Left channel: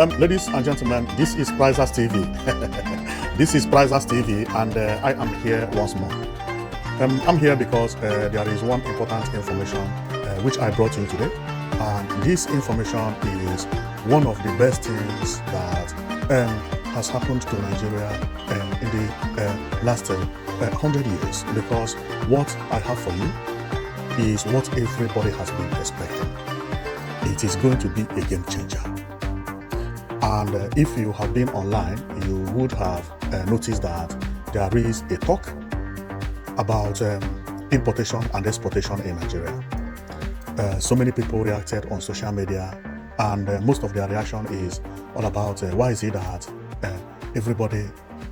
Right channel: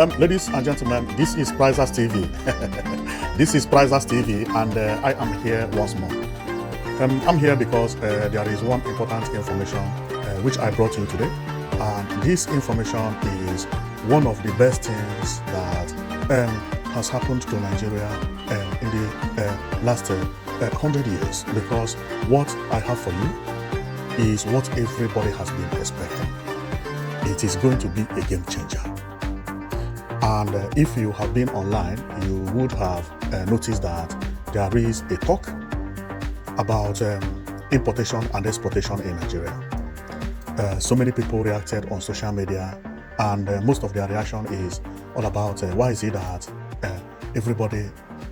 Ladies and gentlemen, this is Prizers TV. This is Prizers TV, and I am here once more. I'm here because there is one important information which I brought in today, and this information is one of the best things that has happened to Nigeria in the last 100 years. Because what I have for you is what everybody has been expecting. It is going to be a game changer. And if you have been online, you would have noticed that there is a talk about importation and exportation in Nigeria. So many people reacted on social media, and most of their reaction is all about why is it that everybody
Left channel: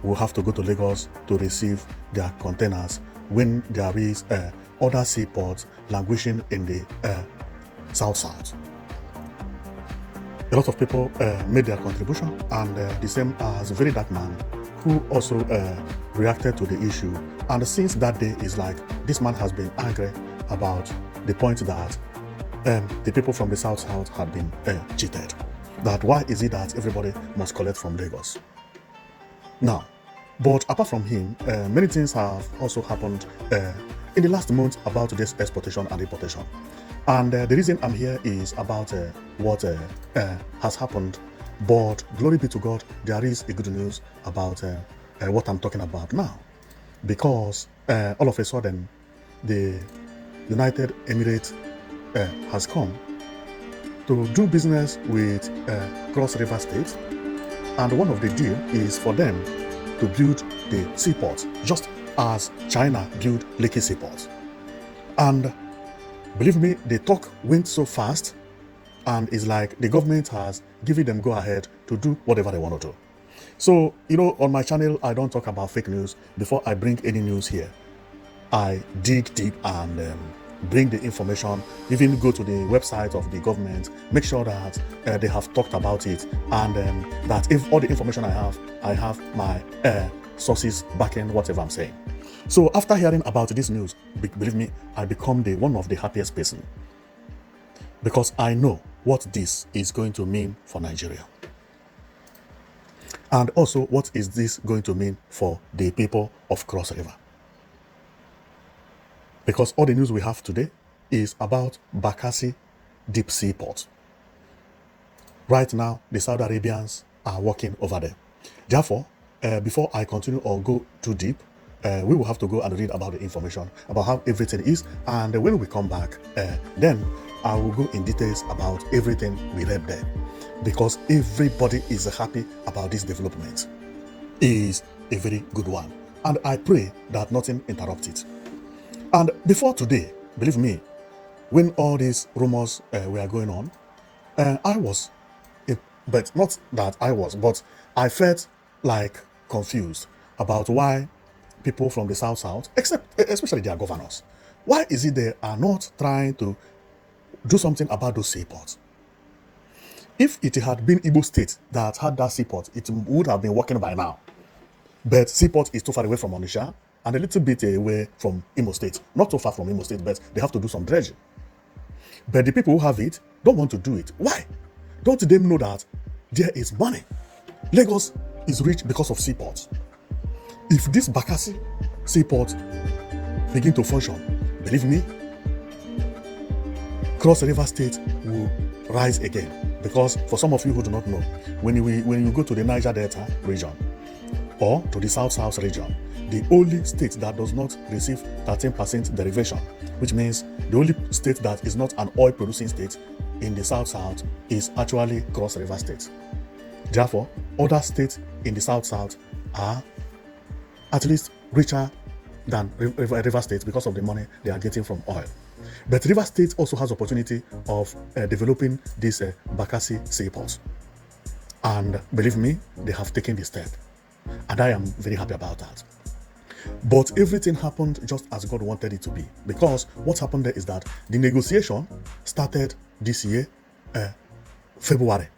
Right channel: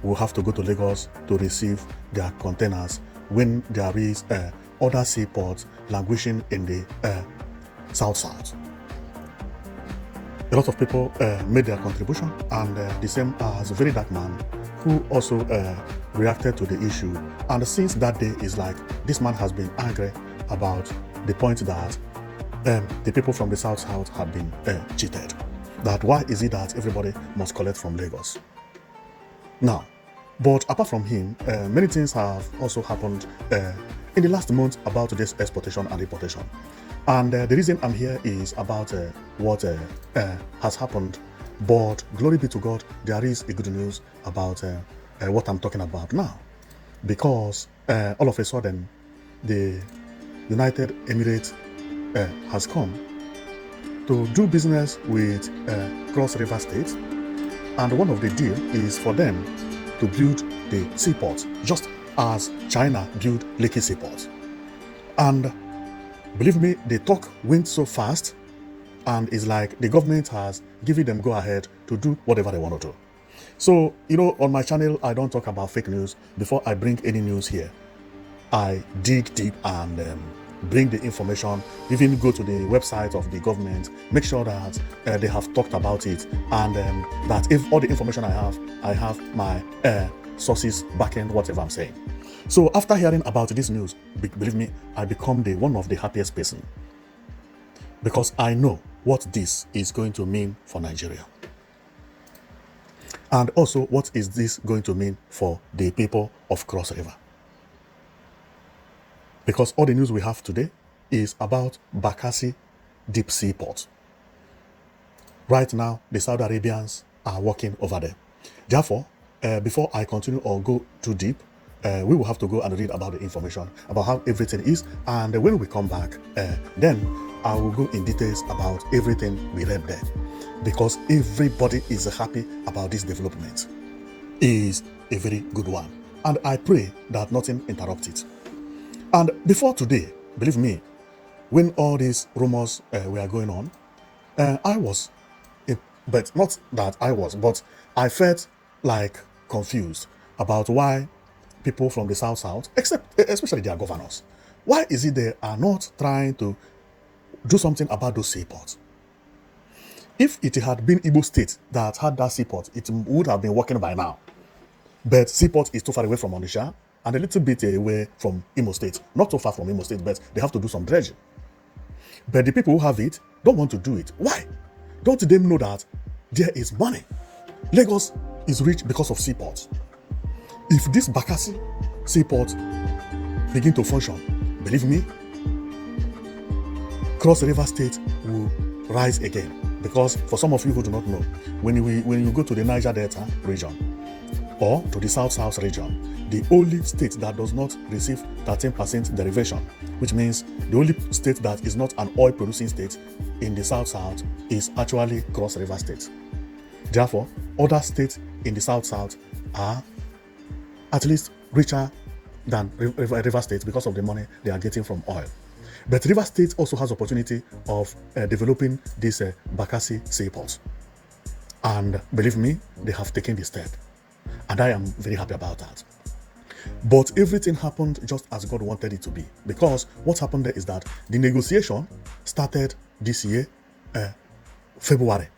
will have to go to Lagos to receive their containers when there is other seaports languishing in the south. A lot of people made their contribution, and the same as a very dark man who also reacted to the issue. And since that day, is like this man has been angry about the point that the people from the south have been cheated. That why is it that everybody must collect from Lagos? Now, but apart from him, many things have also happened in the last month about this exportation and importation. And the reason I'm here is about what has happened. But glory be to God, there is a good news about what I'm talking about now. Because all of a sudden, the United Emirates has come to do business with Cross River State. And one of the deals is for them to build the seaport, just as China built Lekki Seaport. And believe me, the talk went so fast, and it's like the government has given them go ahead to do whatever they want to do. So, on my channel, I don't talk about fake news. Before I bring any news here, I dig deep and bring the information, even go to the website of the government, make sure that they have talked about it, and that if all the information I have my sources backing whatever I'm saying. So after hearing about this news, believe me, I become one of the happiest person, because I know what this is going to mean for Nigeria. And also, what is this going to mean for the people of Cross River? Because all the news we have today is about Bakassi deep seaport. Right now, the Saudi Arabians are working over there. Therefore, before I continue or go too deep, we will have to go and read about the information, about how everything is. And when we come back, then I will go in details about everything we read there. Because everybody is happy about this development. It is a very good one. And I pray that nothing interrupts it. And before today, believe me, when all these rumors were going on, but I felt like confused about why people from the south, especially their governors, why is it they are not trying to do something about those seaports? If it had been Igbo State that had that seaport, it would have been working by now. But seaport is too far away from Onitsha and a little bit away from Imo State. Not too far from Imo State, but they have to do some dredging. But the people who have it don't want to do it. Why? Don't they know that there is money? Lagos is rich because of seaports. If this Bakassi seaport begin to function, believe me, Cross River State will rise again. Because for some of you who do not know, when you go to the Niger Delta region or to the South region, the only state that does not receive 13% derivation, which means the only state that is not an oil producing state in the South is actually Cross River State. Therefore, other states in the South are at least richer than River State because of the money they are getting from oil. But River State also has opportunity of developing this Bakassi seaport. And believe me, they have taken the step. And I am very happy about that. But everything happened just as God wanted it to be. Because what happened there is that the negotiation started this year, February.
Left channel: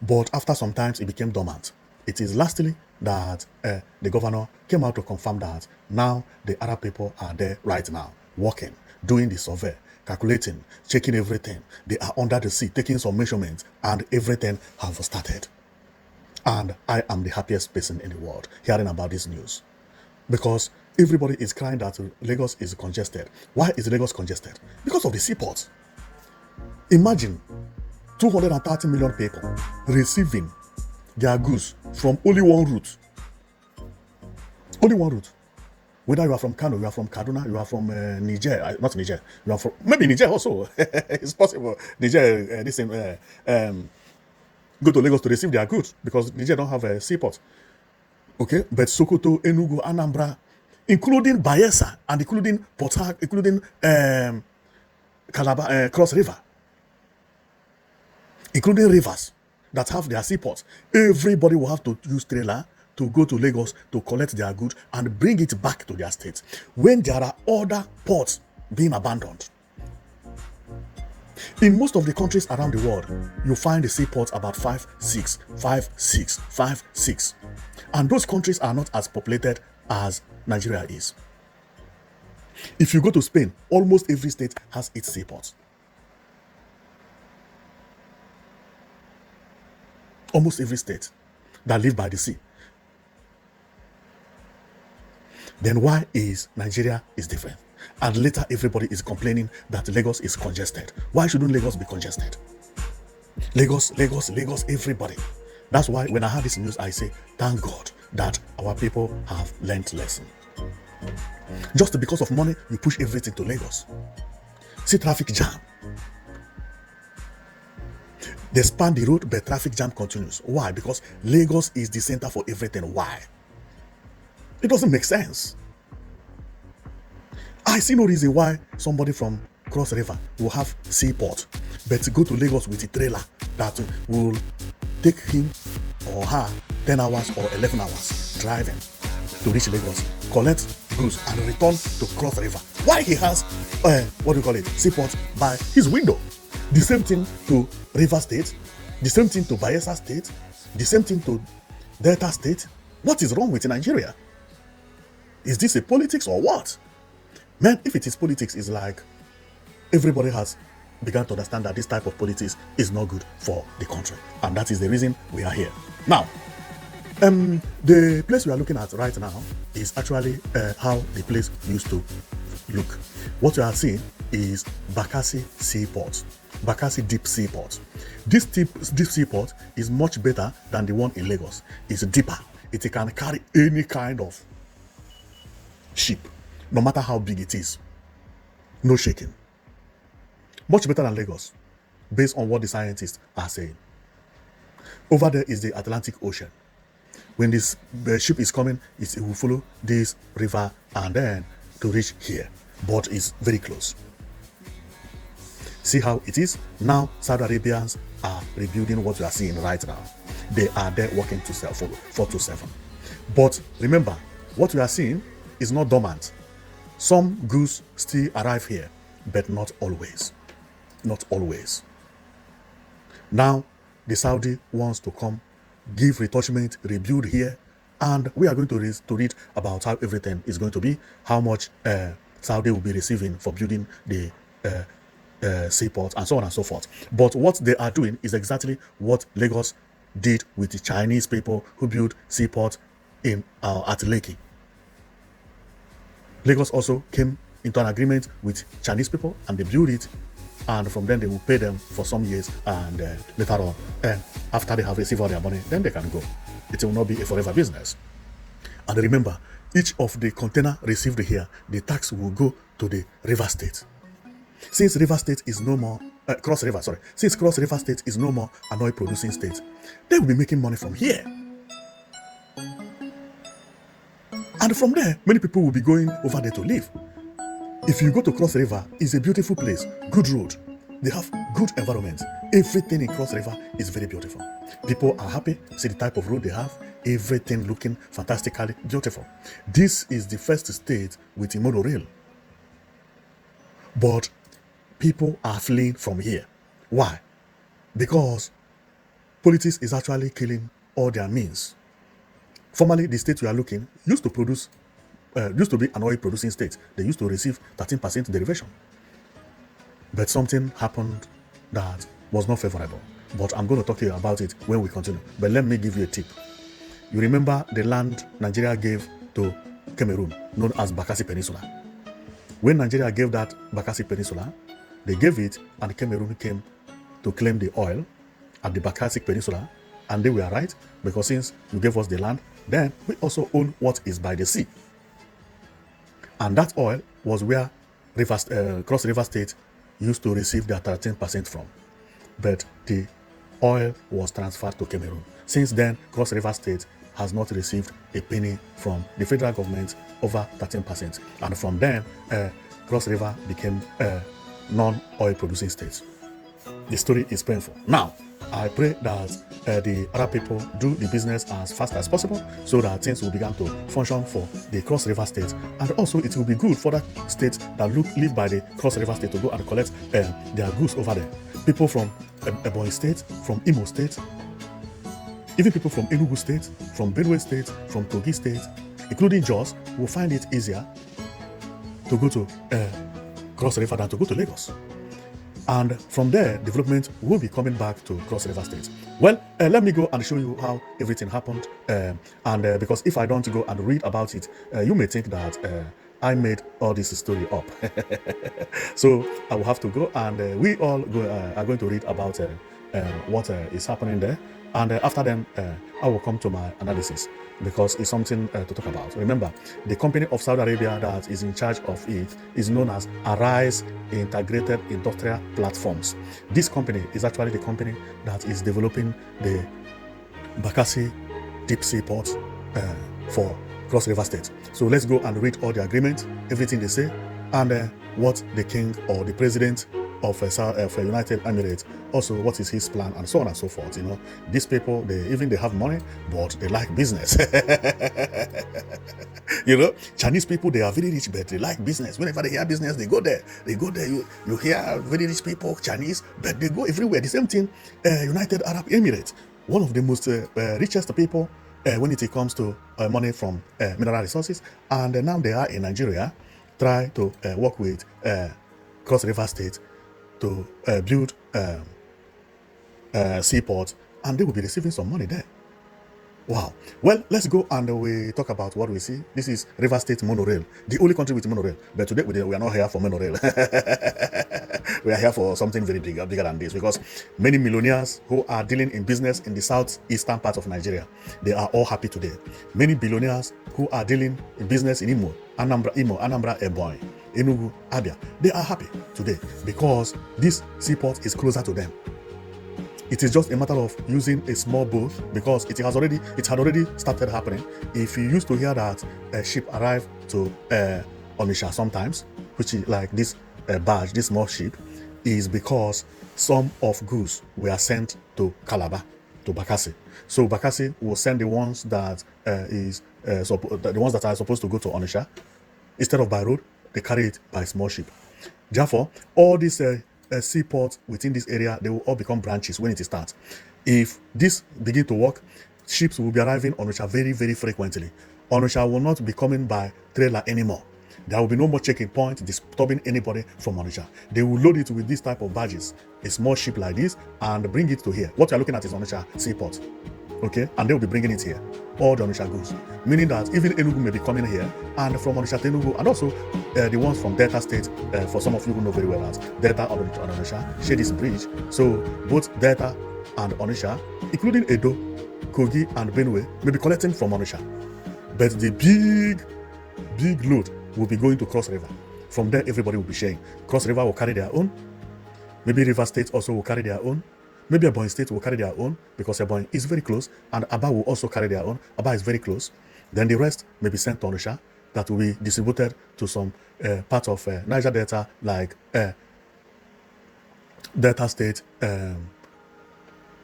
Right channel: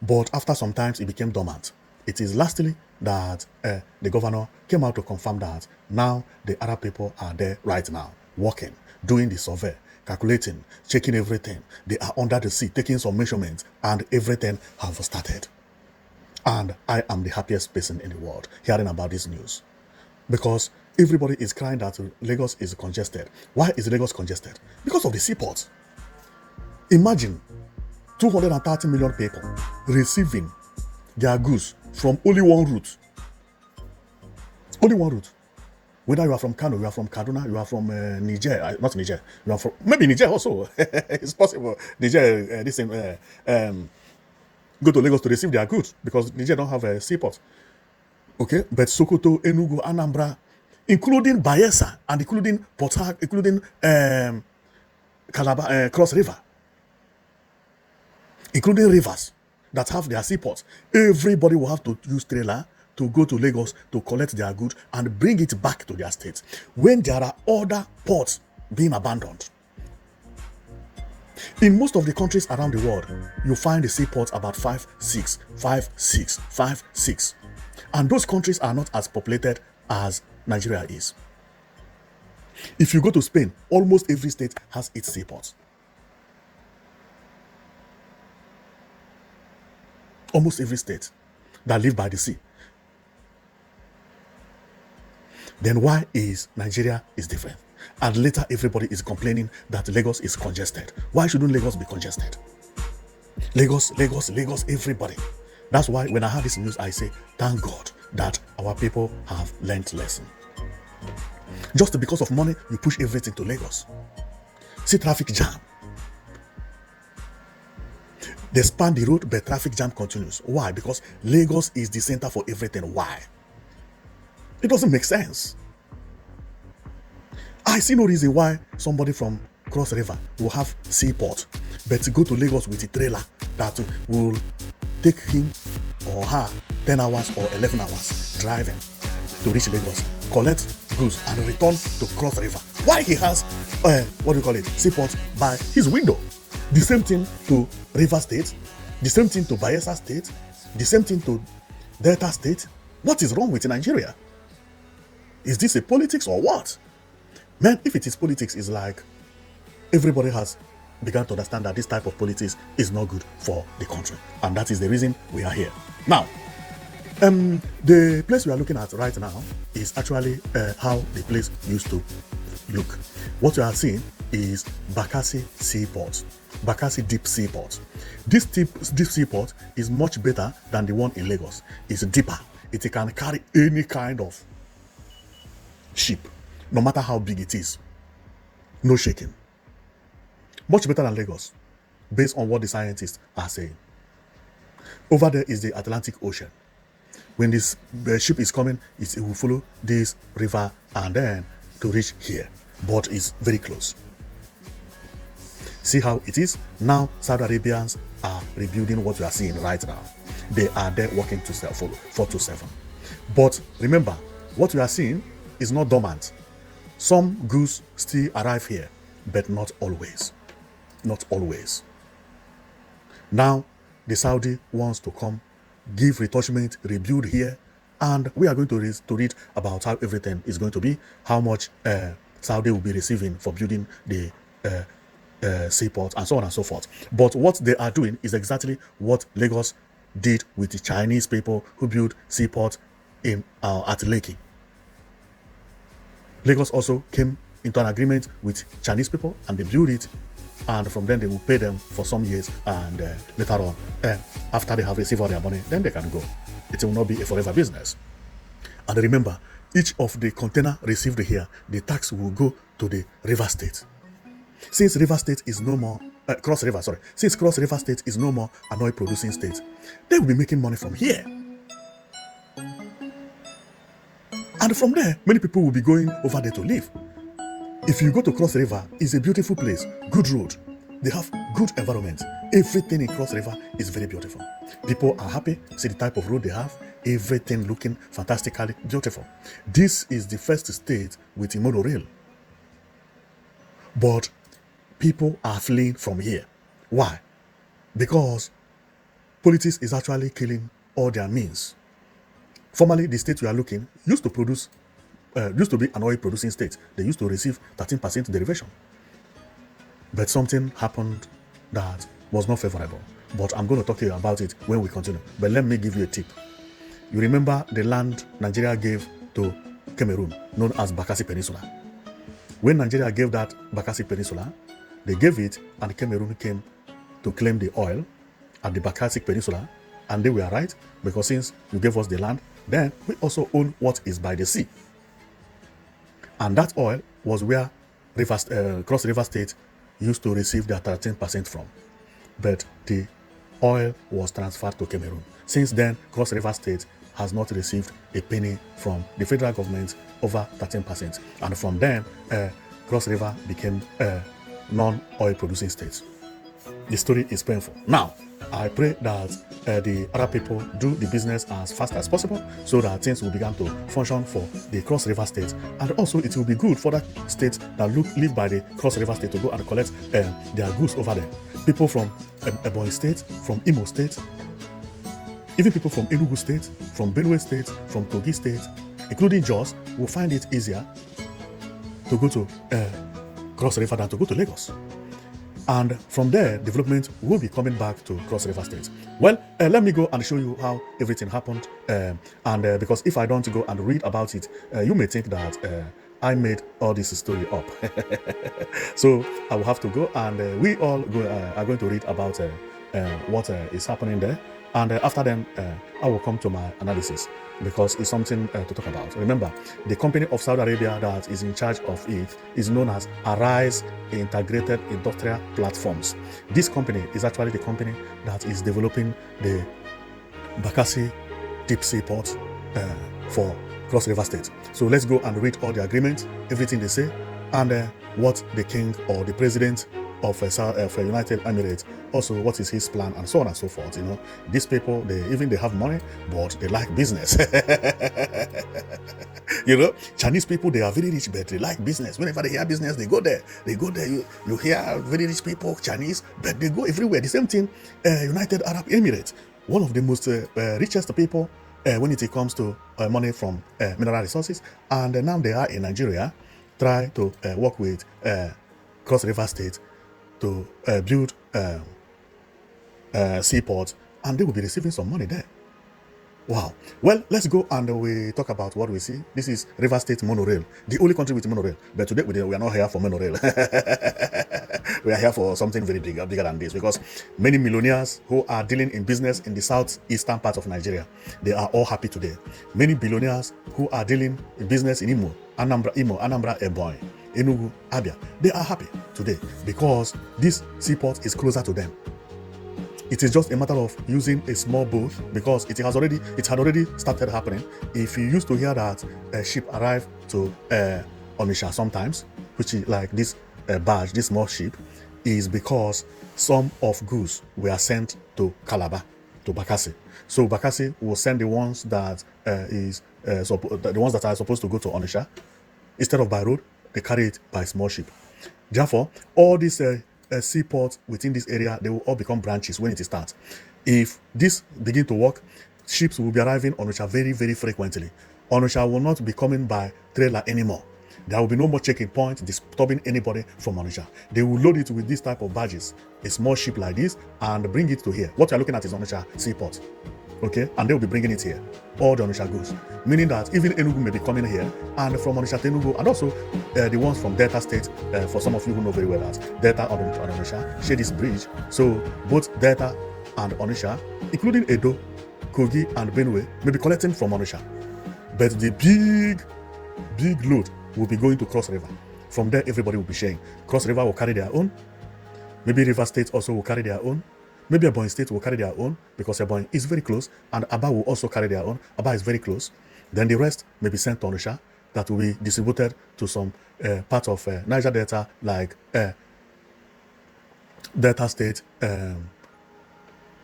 But after some time, it became dormant. It is lastly that the governor came out to confirm that now the Arab people are there right now, working, doing the survey, calculating, checking everything. They are under the sea, taking some measurements, and everything has started. And I am the happiest person in the world hearing about this news. Because everybody is crying that Lagos is congested. Why is Lagos congested? Because of the seaport. Imagine 230 million people receiving their goods from only one route. Only one route. Whether you are from Kano, you are from Kaduna, you are from Niger, not Niger, you are from maybe Niger also. It's possible. Niger, this thing, go to Lagos to receive their goods because Niger don't have a seaport. Okay, but Sokoto, Enugu, Anambra, including Bayelsa and including Port Harcourt, including Calabar, Cross River, including rivers that have their seaports. Everybody will have to use trailer to go to Lagos to collect their goods and bring it back to their state when there are other ports being abandoned. In most of the countries around the world, you find the seaports about 5, 6, 5, 6, 5, 6. And those countries are not as populated as Nigeria is. If you go to Spain, almost every state has its seaports. Almost every state that live by the sea. Then why is Nigeria is different? And later everybody is complaining that Lagos is congested. Why shouldn't Lagos be congested? Lagos, Lagos, Lagos, everybody. That's why when I heard this news, I say, thank God that our people have learned lesson. Just because of money, you push everything to Lagos. See traffic jam. They span the route, but traffic jam continues. Why? Because Lagos is the center for everything. Why? It doesn't make sense. I see no reason why somebody from Cross River will have seaport, but to go to Lagos with a trailer that will take him or her 10 hours or 11 hours driving to reach Lagos, collect goods and return to Cross River. Why he has, seaport by his window. The same thing to River State, the same thing to Bayelsa State, the same thing to Delta State. What is wrong with Nigeria? Is this a politics or what? Man, if it is politics, it's like everybody has begun to understand that this type of politics is not good for the country. And that is the reason we are here. Now, the place we are looking at right now is actually how the place used to look. What you are seeing is Bakassi Seaport. Bakassi Deep Seaport. This deep seaport is much better than the one in Lagos. It's deeper. It can carry any kind of ship, no matter how big it is. No shaking. Much better than Lagos, based on what the scientists are saying. Over there is the Atlantic Ocean. When the ship is coming, it will follow this river and then to reach here. But it's very close. See how it is? Now, Saudi Arabians are rebuilding what you are seeing right now. They are there working 4-7. But remember, what you are seeing is not dormant. Some goods still arrive here, but not always. Not always. Now, the Saudi wants to come, give retouchment, rebuild here, and we are going to read about how everything is going to be, how much Saudi will be receiving for building the seaport, and so on and so forth. But what they are doing is exactly what Lagos did with the Chinese people who built seaport in at Lekki. Lagos also came into an agreement with Chinese people and they built it, and from then they will pay them for some years, and later on, after they have received all their money, then they can go. It will not be a forever business. And remember, each of the container received here, the tax will go to the River State. Since River State is no more, since Cross River State is no more an oil producing state, they will be making money from here. And from there, many people will be going over there to live. If you go to Cross River, it's a beautiful place, good road. They have good environment. Everything in Cross River is very beautiful. People are happy, see the type of road they have, everything looking fantastically beautiful. This is the first state with a monorail. But people are fleeing from here. Why? Because politics is actually killing all their means. Formerly, the state we are looking used to be an oil producing state. They used to receive 13% derivation. but something happened that was not favorable. But I'm going to talk to you about it when we continue. But let me give you a tip. You remember the land Nigeria gave to Cameroon, known as Bakassi Peninsula. When Nigeria gave that Bakassi Peninsula, they gave it, and Cameroon came to claim the oil at the Bakassi Peninsula, and they were right, because since you gave us the land, then we also own what is by the sea. And that oil was where Cross River State used to receive their 13% from. But the oil was transferred to Cameroon. Since then, Cross River State has not received a penny from the federal government over 13%. And from then, Cross River became a non-oil producing state. The story is painful. Now, I pray that the other people do the business as fast as possible so that things will begin to function for the Cross River State. And also, it will be good for that state that live by the Cross River State to go and collect their goods over there. People from Ebonyi State, from Imo State, even people from Enugu State, from Benue State, from Kogi State, including Jos, will find it easier to go to Cross River than to go to Lagos. And from there, development will be coming back to Cross River State. Well, let me go and show you how everything happened. Because if I don't go and read about it, you may think that I made all this story up. So I will have to go, and we all are going to read about what is happening there. And after then, I will come to my analysis, because it's something to talk about. Remember, the company of Saudi Arabia that is in charge of it is known as Arise Integrated Industrial Platforms. This company is actually the company that is developing the Bakassi Deep Seaport for Cross River State. So let's go and read all the agreements, everything they say, and what the king or the president of United Emirates, also what is his plan, and so on and so forth. You know, these people, they have money, but they like business. You know, Chinese people, they are very rich, but they like business. Whenever they hear business, they go there. You hear very rich people, Chinese, but they go everywhere. The same thing, United Arab Emirates, one of the most richest people when it comes to money from mineral resources, and now they are in Nigeria, trying to work with Cross River State to build Seaport, and they will be receiving some money there. Wow. Well, let's go and we talk about what we see. This is River State monorail, the only country with monorail. But today we are not here for monorail. We are here for something very bigger than this, because many millionaires who are dealing in business in the southeastern part of Nigeria, they are all happy today. Many billionaires who are dealing in business in Anambra, Ebonyi, Enugu, Abia, they are happy today because this seaport is closer to them. It is just a matter of using a small boat, because it had already started happening. If you used to hear that a ship arrived to Onitsha sometimes, which is like this barge, this small ship, is because some of goods were sent to Calabar, to Bakassi. So Bakassi will send the ones that the ones that are supposed to go to Onitsha. Instead of by road, they carry it by small ship. Therefore, all these seaports within this area, they will all become branches when it starts. If this begin to work, ships will be arriving on Onitsha very, very frequently. Onitsha will not be coming by trailer anymore. There will be no more checking point disturbing anybody from Onitsha. They will load it with this type of barges, a small ship like this, and bring it to here. What you are looking at is Onitsha Seaport. Okay, and they will be bringing it here. All the Onitsha goods, meaning that even Enugu may be coming here, and from Onitsha to Enugu, and also the ones from Delta State. For some of you who know very well that Delta and Onitsha share this bridge. So both Delta and Onitsha, including Edo, Kogi, and Benue, may be collecting from Onitsha. But the big load will be going to Cross River. From there, everybody will be sharing. Cross River will carry their own. Maybe River State also will carry their own. Maybe Ebonyi State will carry their own, because Ebonyi is very close, and Aba will also carry their own. Aba is very close. Then the rest may be sent to Onitsha, that will be distributed to some part of Niger Delta, like Delta State,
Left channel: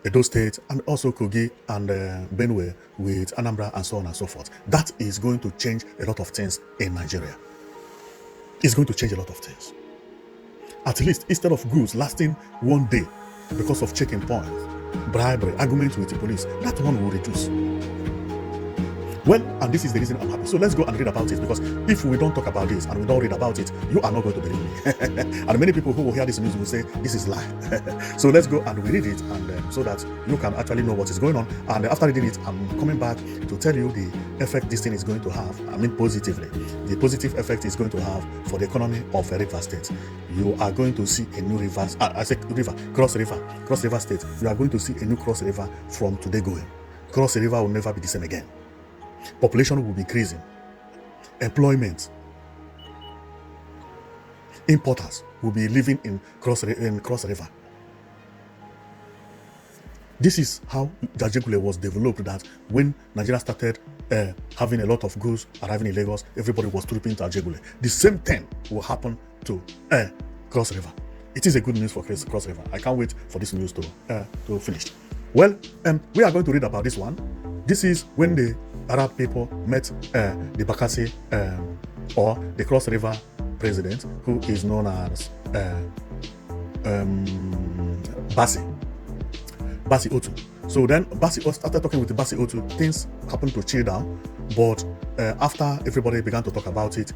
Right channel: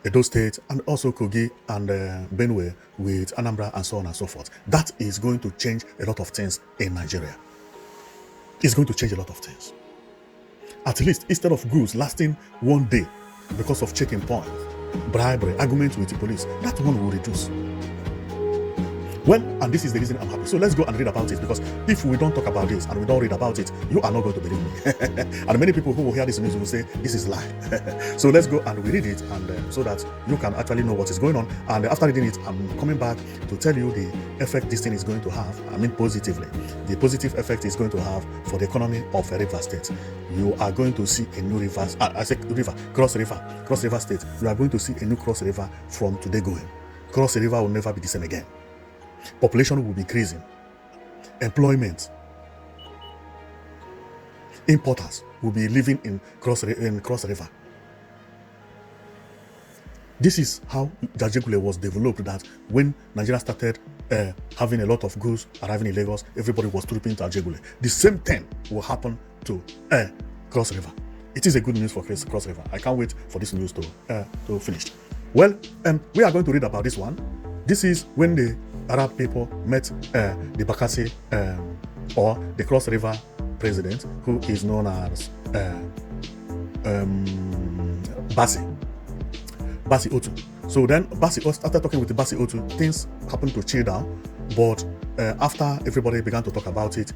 Edo State, and also Kogi and Benue with Anambra, and so on and so forth. That is going to change a lot of things in Nigeria. It's going to change a lot of things. At least, instead of goods lasting one day because of checking points, bribery, arguments with the police, that one will reduce. Well, and this is the reason I'm happy. So let's go and read about it, because if we don't talk about this and we don't read about it, you are not going to believe me. And many people who will hear this news will say, this is lie. So let's go and we read it, and so that you can actually know what is going on. And after reading it, I'm coming back to tell you the effect this thing is going to have. I mean, positively. The positive effect it's going to have for the economy of River State. You are going to see a new river. I said river, Cross River State. You are going to see a new Cross River from today going. Cross River will never be the same again. Population will be crazy. Employment. Importers will be living in Cross River. This is how Jajigule was developed, that when Nigeria started having a lot of goods arriving in Lagos, everybody was trooping to Jajigule. The same thing will happen to Cross River. It is a good news for Cross River. I can't wait for this news to finish. Well, we are going to read about this one. This is when the Arab people met the Bakassi or the Cross River president, who is known as Bassi Otu. So then Bassi started talking with the Bassi Otu. Things happened to chill down, but after everybody began to talk about it,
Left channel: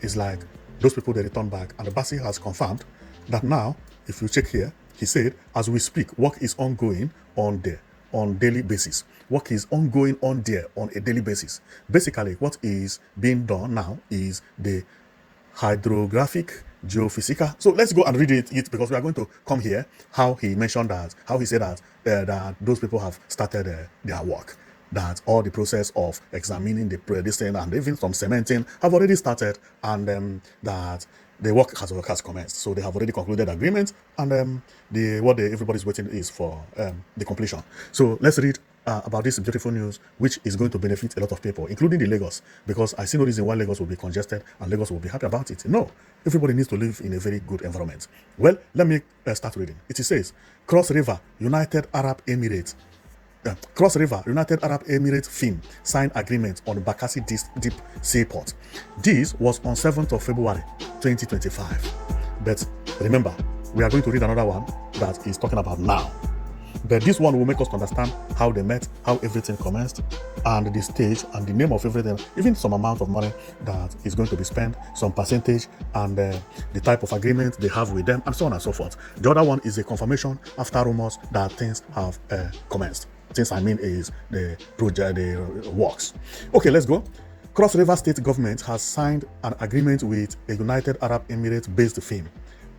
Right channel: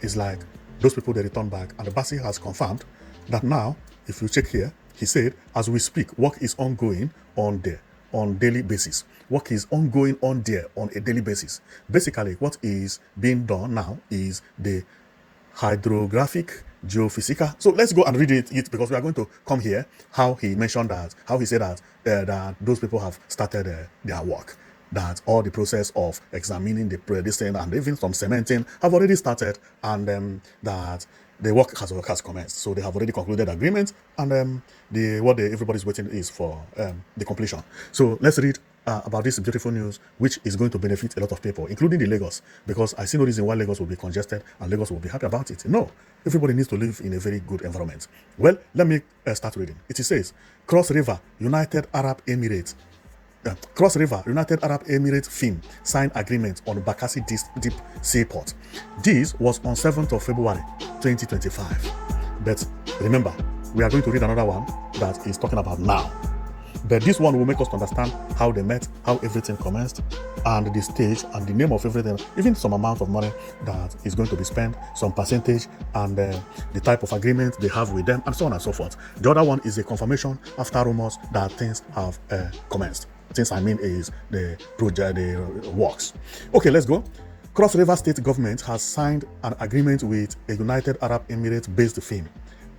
it's like those people they returned back, and the Bassi has confirmed that now, if you check here, he said, as we speak, work is ongoing on there on daily basis. Work is ongoing on there on a daily basis. Basically, what is being done now is the hydrographic geophysical. So let's go and read it because we are going to come here. How he mentioned that, how he said that those people have started their work. That all the process of examining the predicting and even some cementing have already started, and that the work has commenced. So they have already concluded agreement, and everybody's waiting is for the completion. So let's read about this beautiful news, which is going to benefit a lot of people, including the Lagos, because I see no reason why Lagos will be congested and Lagos will be happy about it. No, everybody needs to live in a very good environment. Well, let me start reading. It says, Cross River, United Arab Emirates film signed agreement on Bakassi Deep Seaport. This was on 7th of February 2025. But remember, we are going to read another one that is talking about now. But this one will make us understand how they met, how everything commenced, and the stage and the name of everything, even some amount of money that is going to be spent, some percentage, and the type of agreement they have with them, and so on and so forth. The other one is a confirmation after rumors that things have commenced. Things I mean is the project, the works. Okay, let's go. Cross River State government has signed an agreement with a United Arab Emirates-based firm,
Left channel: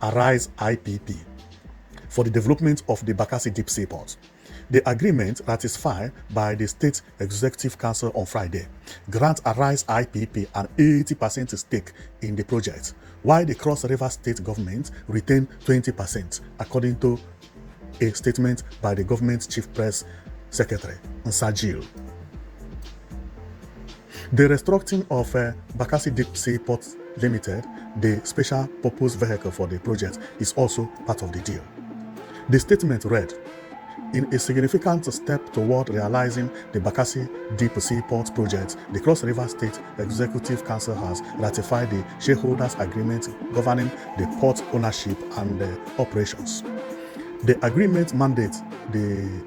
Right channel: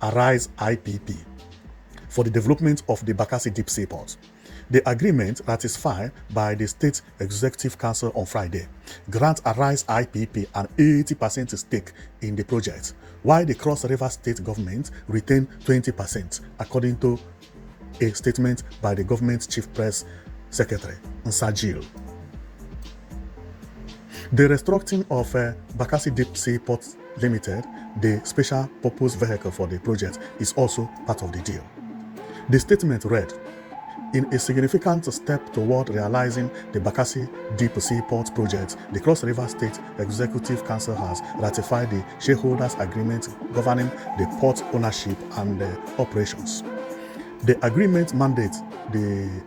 Arise IPP, for the development of the Bakassi Deep Seaport. The agreement, ratified by the State Executive Council on Friday, grants Arise IPP an 80% stake in the project, while the Cross River State government retained 20%, according to a statement by the government's chief press secretary, Nsajil. The restructuring of Bakassi Deep Seaport Limited, the special purpose vehicle for the project, is also part of the deal. The statement read, in a significant step toward realizing the Bakassi Deep Seaport project, the Cross River State Executive Council has ratified the shareholders' agreement governing the port ownership and operations. The agreement mandates the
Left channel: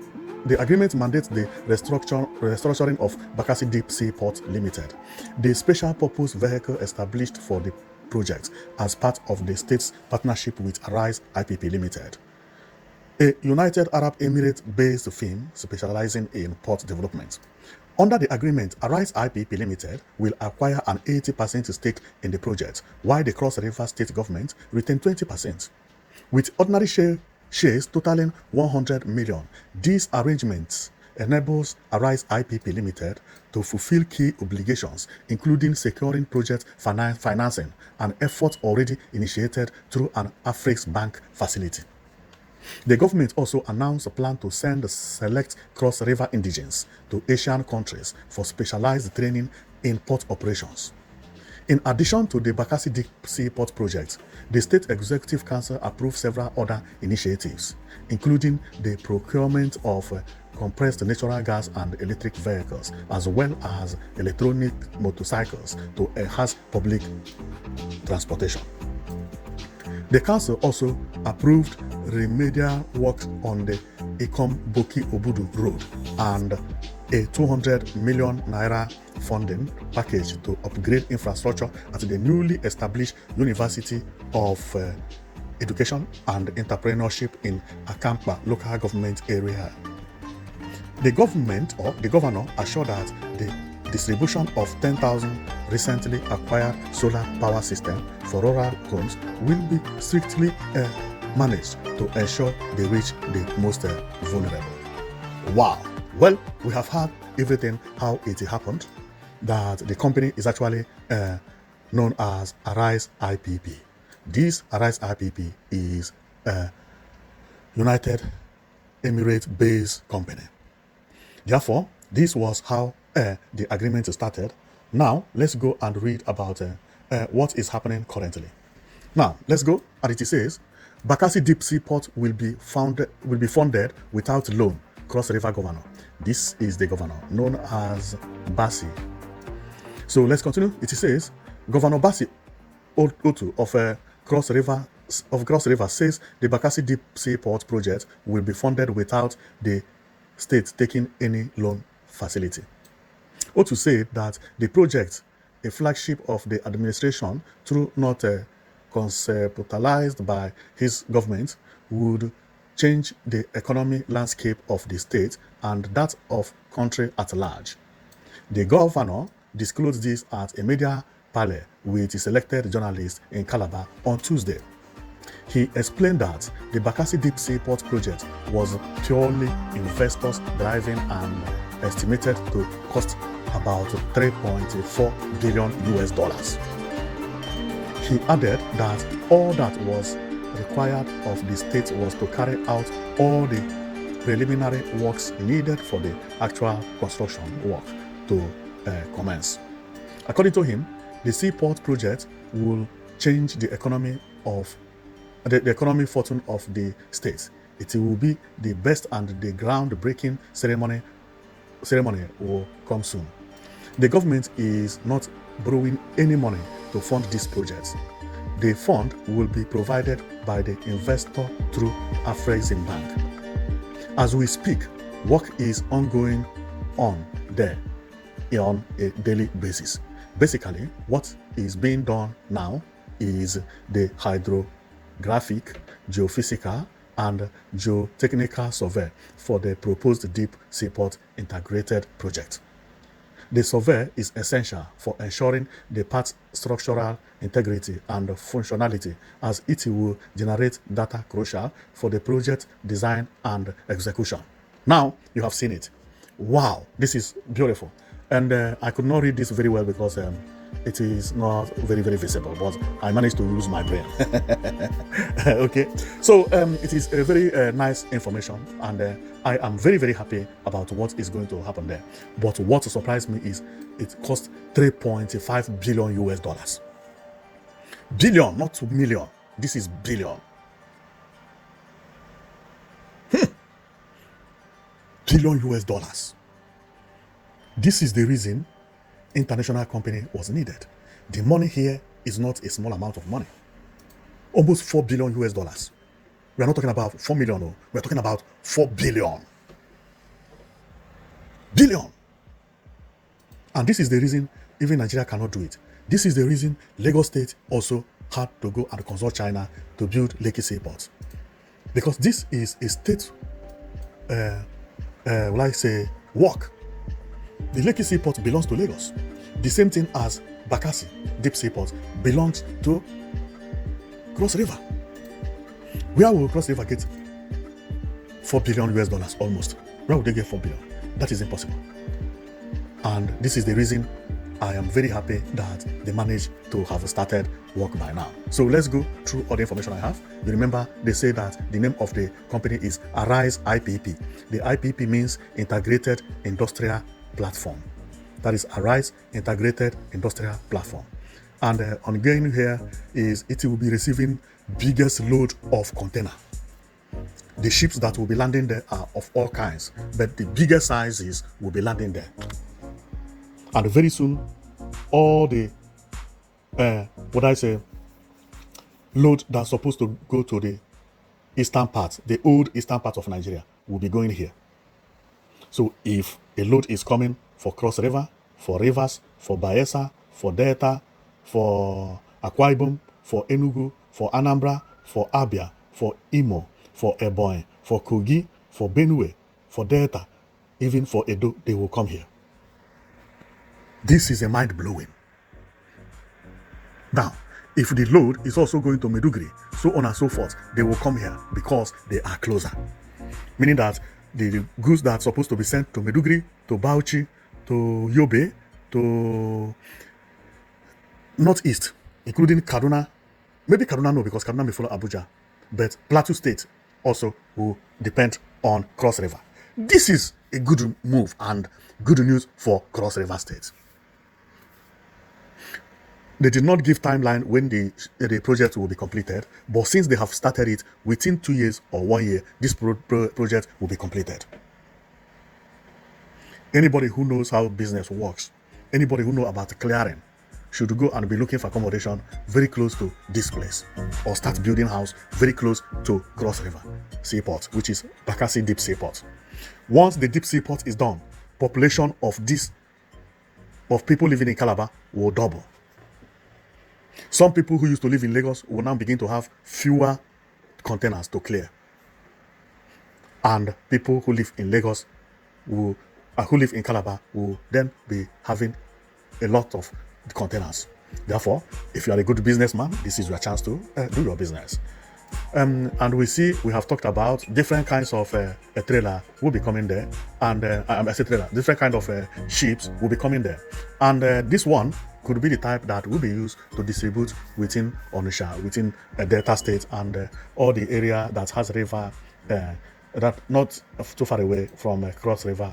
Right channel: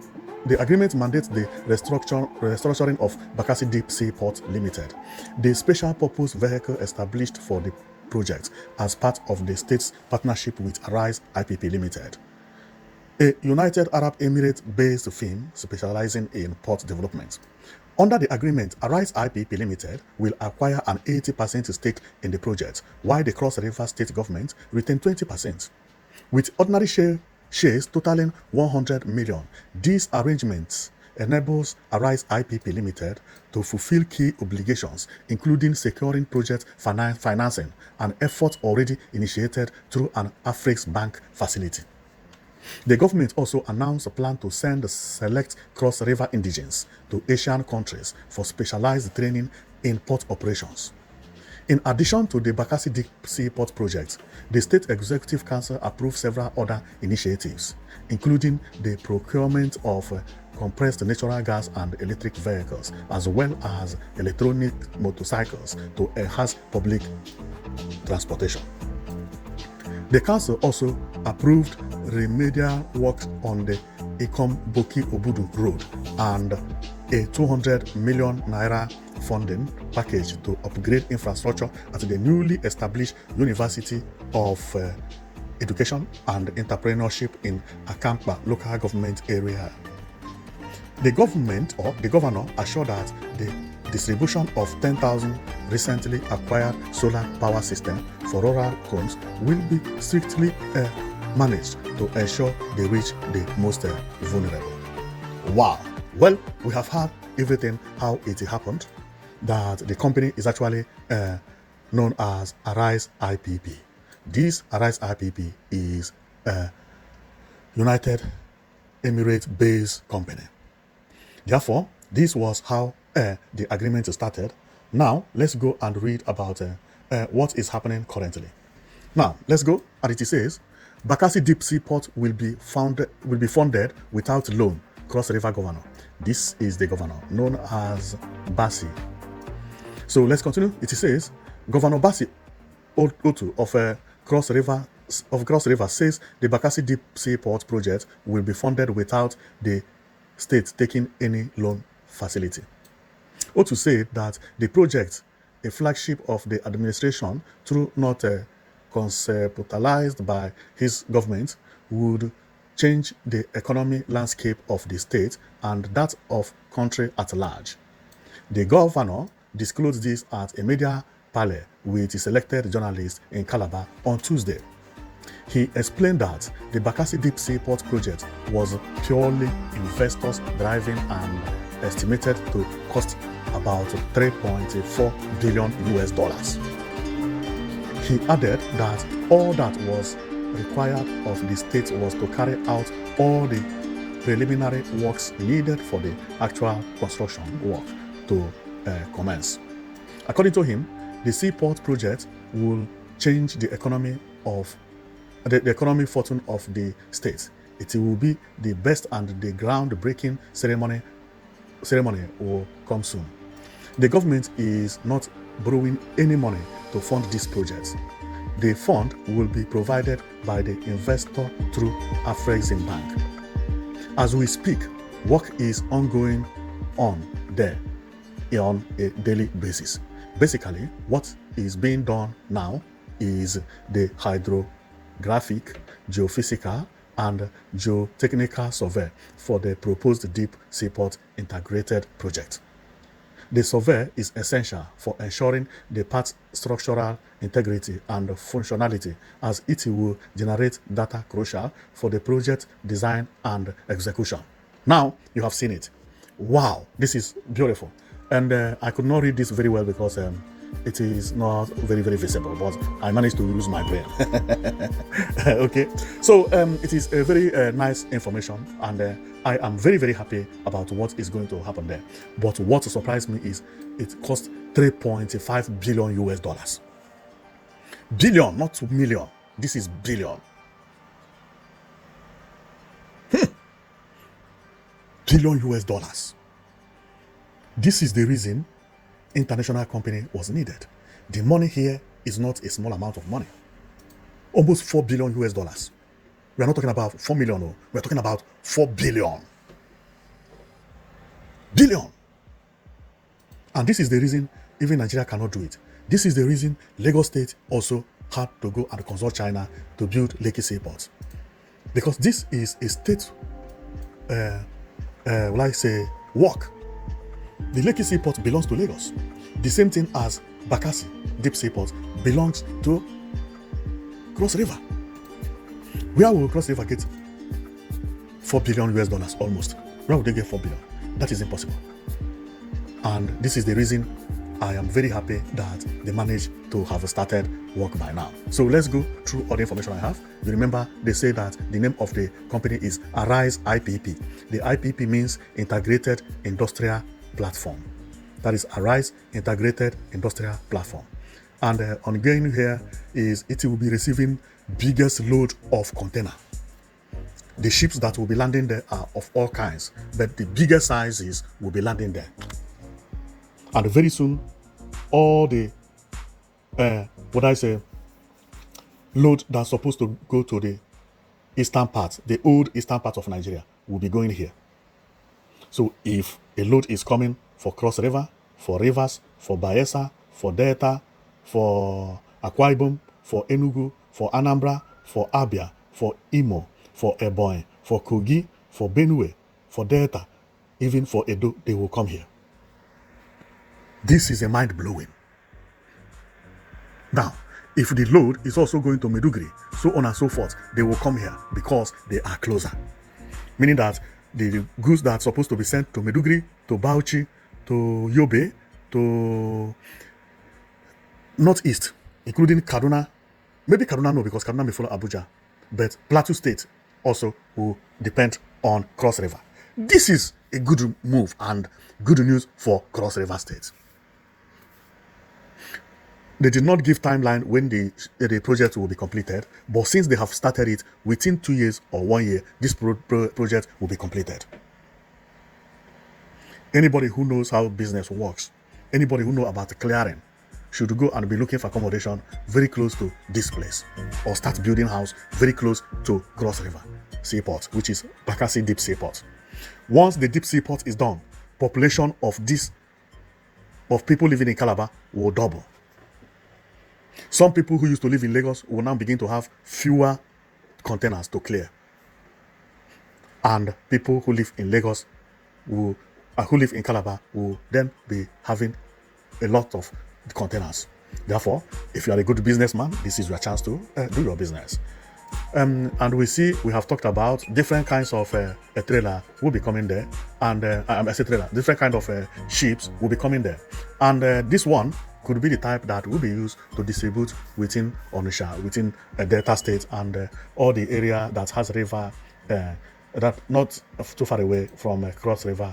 restructuring of Bakassi Deep Seaport Limited, the special purpose vehicle established for the project as part of the state's partnership with Arise IPP Limited, a United Arab Emirates-based firm specializing in port development. Under the agreement, Arise IPP Limited will acquire an 80% stake in the project, while the Cross River State government retains 20%. With ordinary shares totaling 100 million. These arrangements enables Arise IPP Limited to fulfill key obligations, including securing project financing, an effort already initiated through an Afrix Bank facility. The government also announced a plan to send select Cross River indigents to Asian countries for specialized training in port operations. In addition to the Bakassi Deep Seaport project, the State Executive Council approved several other initiatives, including the procurement of compressed natural gas and electric vehicles, as well as electronic motorcycles to enhance public transportation. The council also approved remedial work on the Ikom-Boki-Obudu Road and a 200 million naira funding package to upgrade infrastructure at the newly established University of Education and Entrepreneurship in Akampa local government area. The government or the governor assured that the distribution of 10,000 recently acquired solar power systems for rural homes will be strictly managed to ensure they reach the most vulnerable. Wow. Well, we have had everything how it happened, that the company is actually known as Arise IPP. This Arise IPP is a United Emirates-based company. Therefore, this was how the agreement started. Now, let's go and read about what is happening currently. Now, let's go. And it says, Bakassi Deep Seaport will be funded without loan. Cross River Governor. This is the governor known as Bassi. So let's continue. It says, Governor Bassi Otu of Cross River says the Bakassi Deep Seaport project will be funded without the state taking any loan facility. Otu said that the project, a flagship of the administration, though not conceptualized by his government, would change the economic landscape of the state and that of country at large. The governor disclosed this at a media parley with selected journalists in Calabar on Tuesday. He explained that the Bakassi Deep Seaport project was purely investors driving and estimated to cost about 3.4 billion US dollars. He added that all that was required of the state was to carry out all the preliminary works needed for the actual construction work to commence. According to him, the Seaport project will change the economic fortune of the state. It will be the best and the groundbreaking ceremony will come soon. The government is not borrowing any money to fund this project. The fund will be provided by the investor through Afrexim Bank. As we speak, work is ongoing on there on a daily basis. Basically, what is being done now is the hydrographic, geophysical, and geotechnical survey for the proposed Deep Seaport Integrated Project. The survey is essential for ensuring the part's structural integrity and functionality, as it will generate data crucial for the project design and execution. Now, you have seen it. Wow, this is beautiful. And I could not read this very well because it is not very, very visible, but I managed to use my brain. Okay, so it is a very nice information, and I am very, very happy about what is going to happen there. But what surprised me is it cost 3.5 billion US dollars. Billion, not 2 million. This is billion. Billion US dollars. This is the reason international company was needed. The money here is not a small amount of money. Almost 4 billion US dollars. We are not talking about 4 million, no. We are talking about 4 billion. Billion. And this is the reason even Nigeria cannot do it. This is the reason Lagos State also had to go and consult China to build Lekki Seaport. Because this is a state, work. The Lekki Seaport belongs to Lagos. The same thing as Bakassi Deep Seaport belongs to Cross River. Where will Cross River get 4 billion US dollars almost? Where would they get 4 billion? That is impossible. And this is the reason I am very happy that they managed to have started work by now. So let's go through all the information I have. Remember, they say that the name of the company is Arise IPP. The IPP means Integrated Industrial Platform. That is Arise Integrated Industrial Platform. And ongoing here is it will be receiving biggest load of container. The ships that will be landing there are of all kinds, but the bigger sizes will be landing there. And very soon, all the load that's supposed to go to the eastern part, the old eastern part of Nigeria, will be going here. So if a load is coming for Cross River, for Rivers, for Bayelsa, for Delta, for Akwa Ibom, for Enugu, for Anambra, for Abia, for Imo, for Ebonyi, for Kogi, for Benue, for Delta, even for Edo, they will come here. This is a mind-blowing. Now, if the load is also going to Maiduguri, so on and so forth, they will come here because they are closer. Meaning that the goods that are supposed to be sent to Maiduguri, to Bauchi, to Yobe, to Northeast, including Kaduna, maybe Kaduna no, because Kaduna may follow Abuja, but Plateau State also will depend on Cross River. This is a good move and good news for Cross River State. They did not give timeline when the project will be completed, but since they have started it within 2 years or 1 year, this project will be completed. Anybody who knows how business works, anybody who knows about the clearing, should go and be looking for accommodation very close to this place, or start building house very close to Cross River Seaport, which is Bakassi Deep Seaport. Once the Deep Seaport is done, population of people living in Calabar will double. Some people who used to live in Lagos will now begin to have fewer containers to clear. And people who live in Lagos, who live in Calabar, will then be having a lot of containers. Therefore, if you are a good businessman, this is your chance to do your business. And we have talked about different kinds of a trailer will be coming there, and different kind of ships will be coming there. And this one could be the type that will be used to distribute within Onitsha, within Delta State, and all the area that has river, not too far away from Cross River,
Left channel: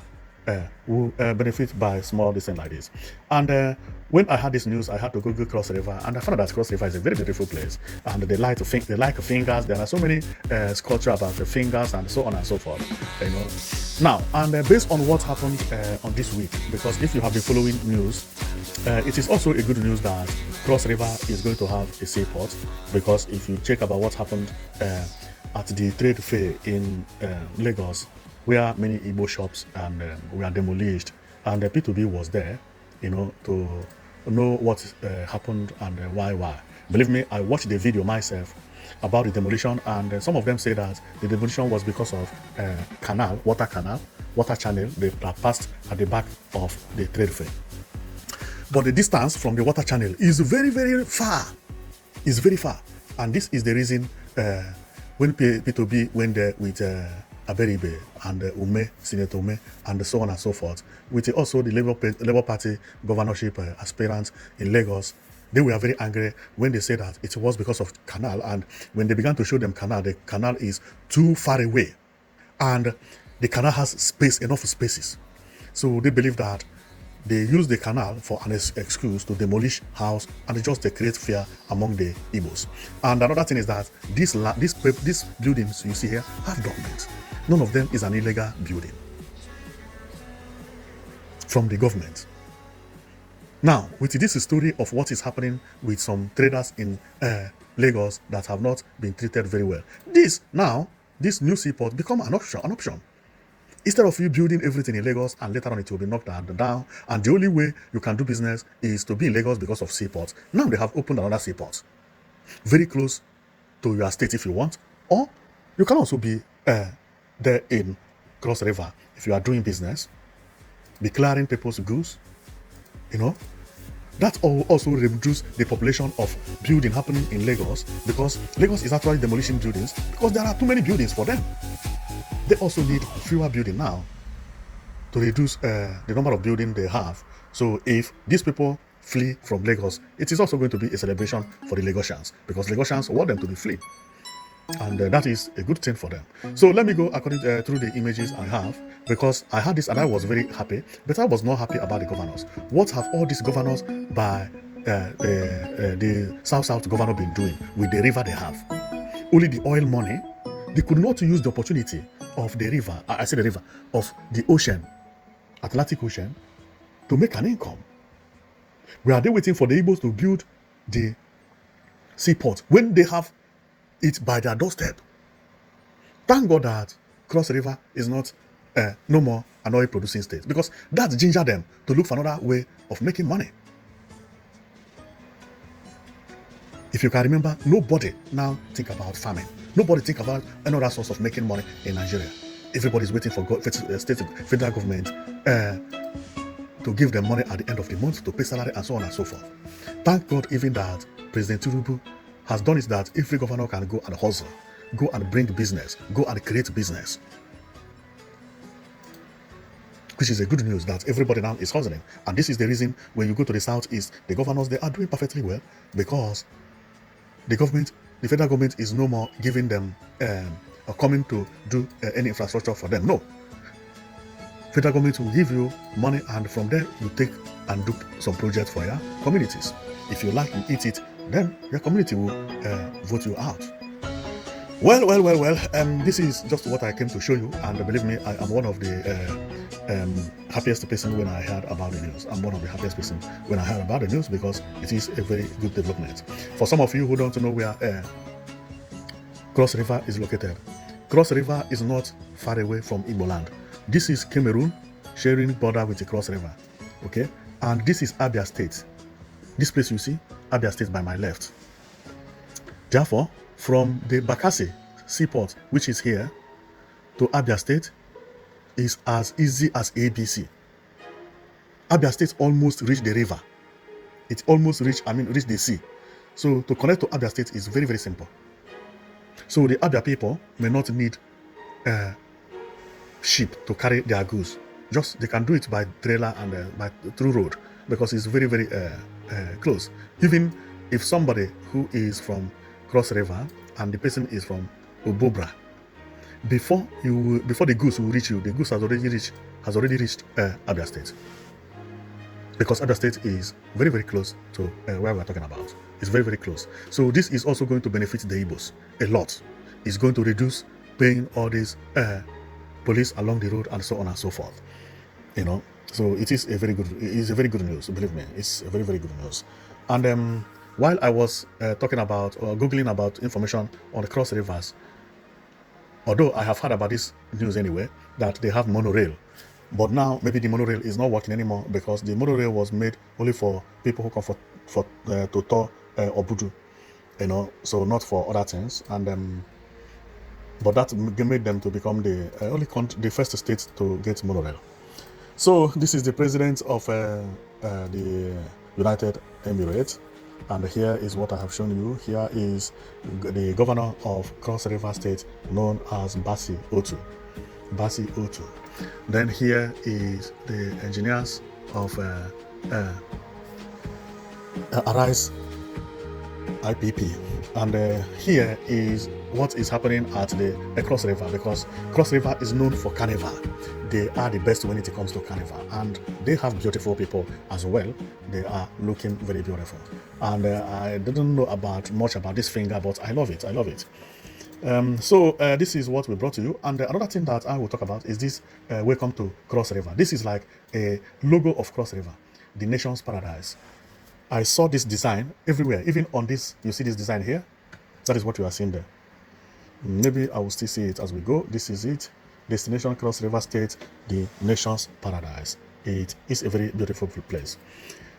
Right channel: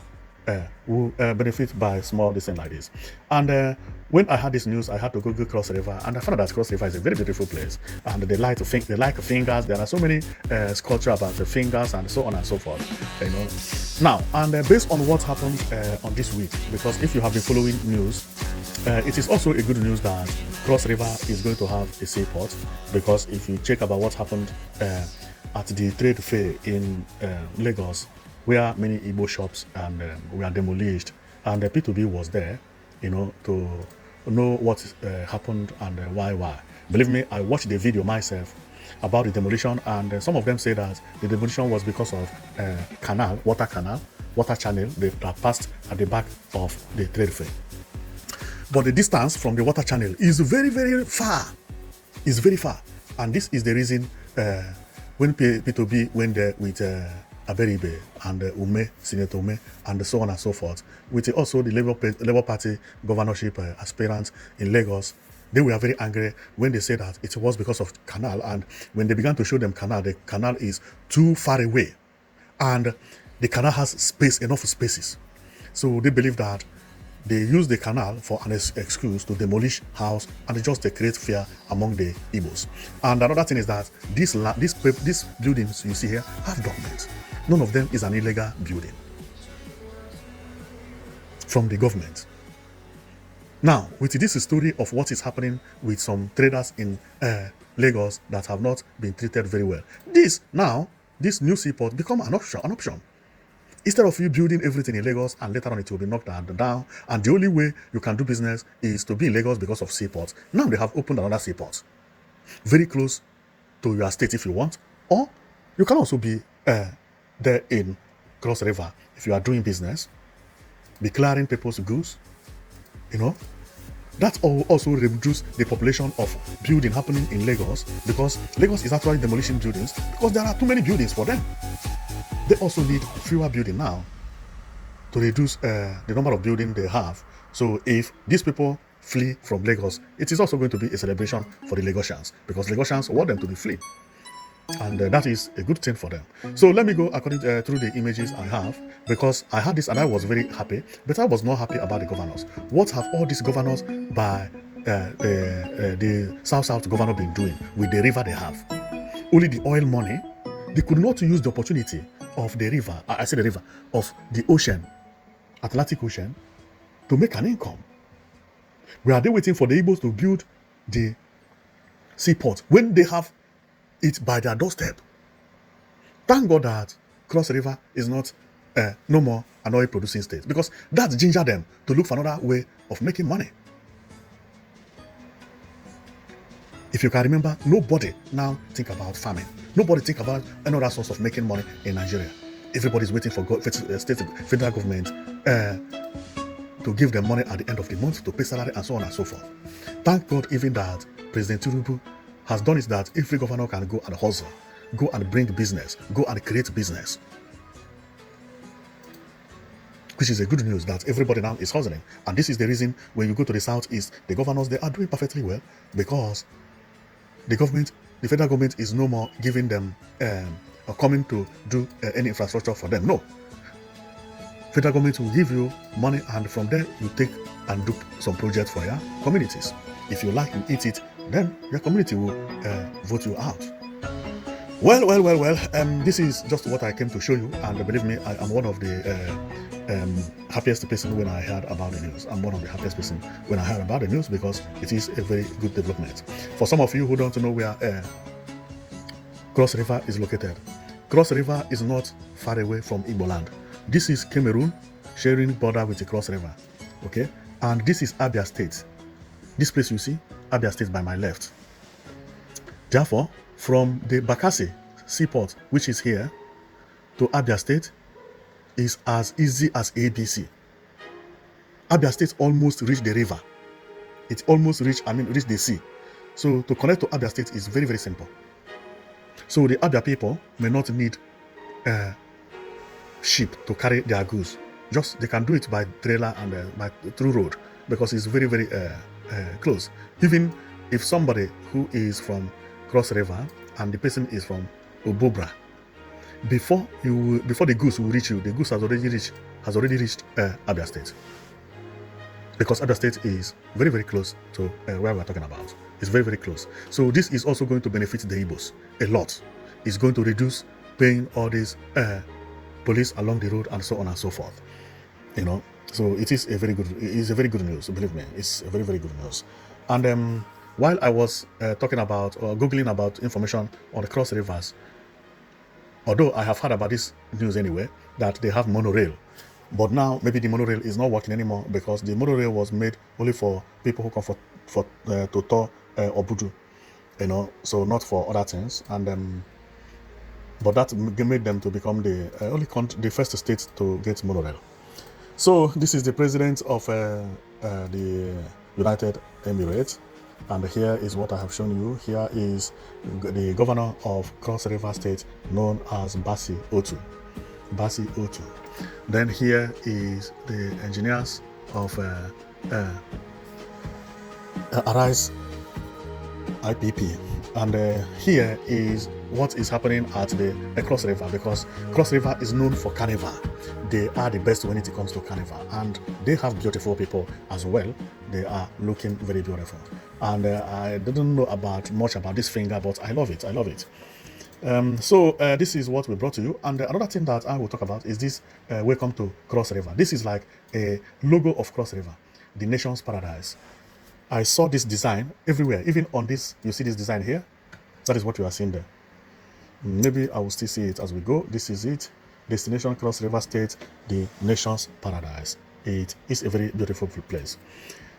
will benefit by small distance like this. And when I had this news, I had to go Cross River, and I found that Cross River is a very beautiful place. And they like the fingers. There are so many sculptures of the fingers and so on and so forth. Now, and based on what happened this week, because if you have been following news, it is also a good news that Cross River is going to have a seaport, because if you check about what happened at the trade fair in Lagos, where many Igbo shops were demolished, and the P2B was there, to know what happened and why. Believe me, I watched the video myself about the demolition, and some of them say that the demolition was because of water channel that passed at the back of the trade fair. But the distance from the water channel is very, very far. It's very far, and this is the reason when P2B went there with Aberibe and Senator Ume, and so on and so forth, with also the Labour Party governorship aspirants in Lagos. They were very angry when they said that it was because of the canal, and when they began to show them the canal is too far away, and the canal has enough spaces. So they believe that they use the canal for an excuse to demolish house and just create fear among the Igbos. And another thing is that these buildings you see here have documents. None of them is an illegal building from the government. Now, with this story of what is happening with some traders in Lagos that have not been treated very well, this new seaport become an option. Instead of you building everything in Lagos and later on it will be knocked down, and the only way you can do business is to be in Lagos because of seaport. Now they have opened another seaport very close to your state if you want, or you can also be there in Cross River if you are doing business, be clearing people's goods. That also reduce the population of building happening in Lagos, because Lagos is actually demolishing buildings because there are too many buildings for them. They also need fewer buildings now to reduce the number of buildings they have. So if these people flee from Lagos, it is also going to be a celebration for the Lagosians, because Lagosians want them to be free. And that is a good thing for them. So let me go through the images I have, because I had this and I was very happy, but I was not happy about the governors. What have all these governors by the South governor been doing with the river they have? Only the oil money. They could not use the opportunity of the river, of the ocean, Atlantic Ocean, to make an income. Were they waiting for the Igbos to build the seaport when they have it by their doorstep? Thank God that Cross River is not no more an oil producing state, because that ginger them to look for another way of making money. If you can remember, nobody now think about farming. Nobody think about another source of making money in Nigeria. Everybody's waiting for federal government to give them money at the end of the month to pay salary and so on and so forth. Thank God even that President Tinubu has done it, that every governor can go and hustle, go and bring business, go and create business. Which is a good news that everybody now is hustling. And this is the reason when you go to the southeast, the governors, they are doing perfectly well, because the federal government is no more giving them coming to do any infrastructure for them. No. Federal government will give you money, and from there you take and do some projects for your communities. If you like and eat it, then your community will vote you out. Well. This is just what I came to show you, and believe me, I am one of the happiest person when I heard about the news. I'm one of the happiest person when I heard about the news, because it is a very good development. For some of you who don't know where Cross River is located, Cross River is not far away from Imo land. This is Cameroon sharing border with the Cross River. Okay, and this is Abia State. This place you see, Abia State by my left. Therefore, from the Bakassi Seaport, which is here, to Abia State is as easy as ABC. Abia State almost reached the river. It's almost reached the sea. So to connect to Abia State is very, very simple. So the Abia people may not need ship to carry their goods. Just they can do it by trailer and by through road, because it's very, very close. Even if somebody who is from Cross River and the person is from Obobra, before the goods will reach you, the goods has already reached Abia State, because Abia State is very, very close to where we're talking about. It's very, very close. So this is also going to benefit the Igbos a lot. It's going to reduce paying all these police along the road and so on and so forth. You know, so it is a very good news. Believe me, it's a very, very good news. And while I was talking about or googling about information on the Cross Rivers, although I have heard about this news anyway, that they have monorail, but now maybe the monorail is not working anymore, because the monorail was made only for people who come to tour Obudu, you know, so not for other things. And but that made them to become the first state to get monorail. So this is the president of the United Emirates, and here is what I have shown you. Here is the governor of Cross River State, known as Bassi Otu. Then here is the engineers of Arise IPP, and here is what is happening at the Cross River, because Cross River is known for carnival. They are the best when it comes to carnival, and they have beautiful people as well. They are looking very beautiful, and I didn't know much about this finger, but I love it. So this is what we brought to you, and another thing that I will talk about is this welcome to Cross River. This is like a logo of Cross River, the nation's paradise. I saw this design everywhere, even on this. You see this design here? That is what you are seeing there. Maybe I will still see it as we go. This is it. Destination Cross River State, the nation's paradise. It is a very beautiful place.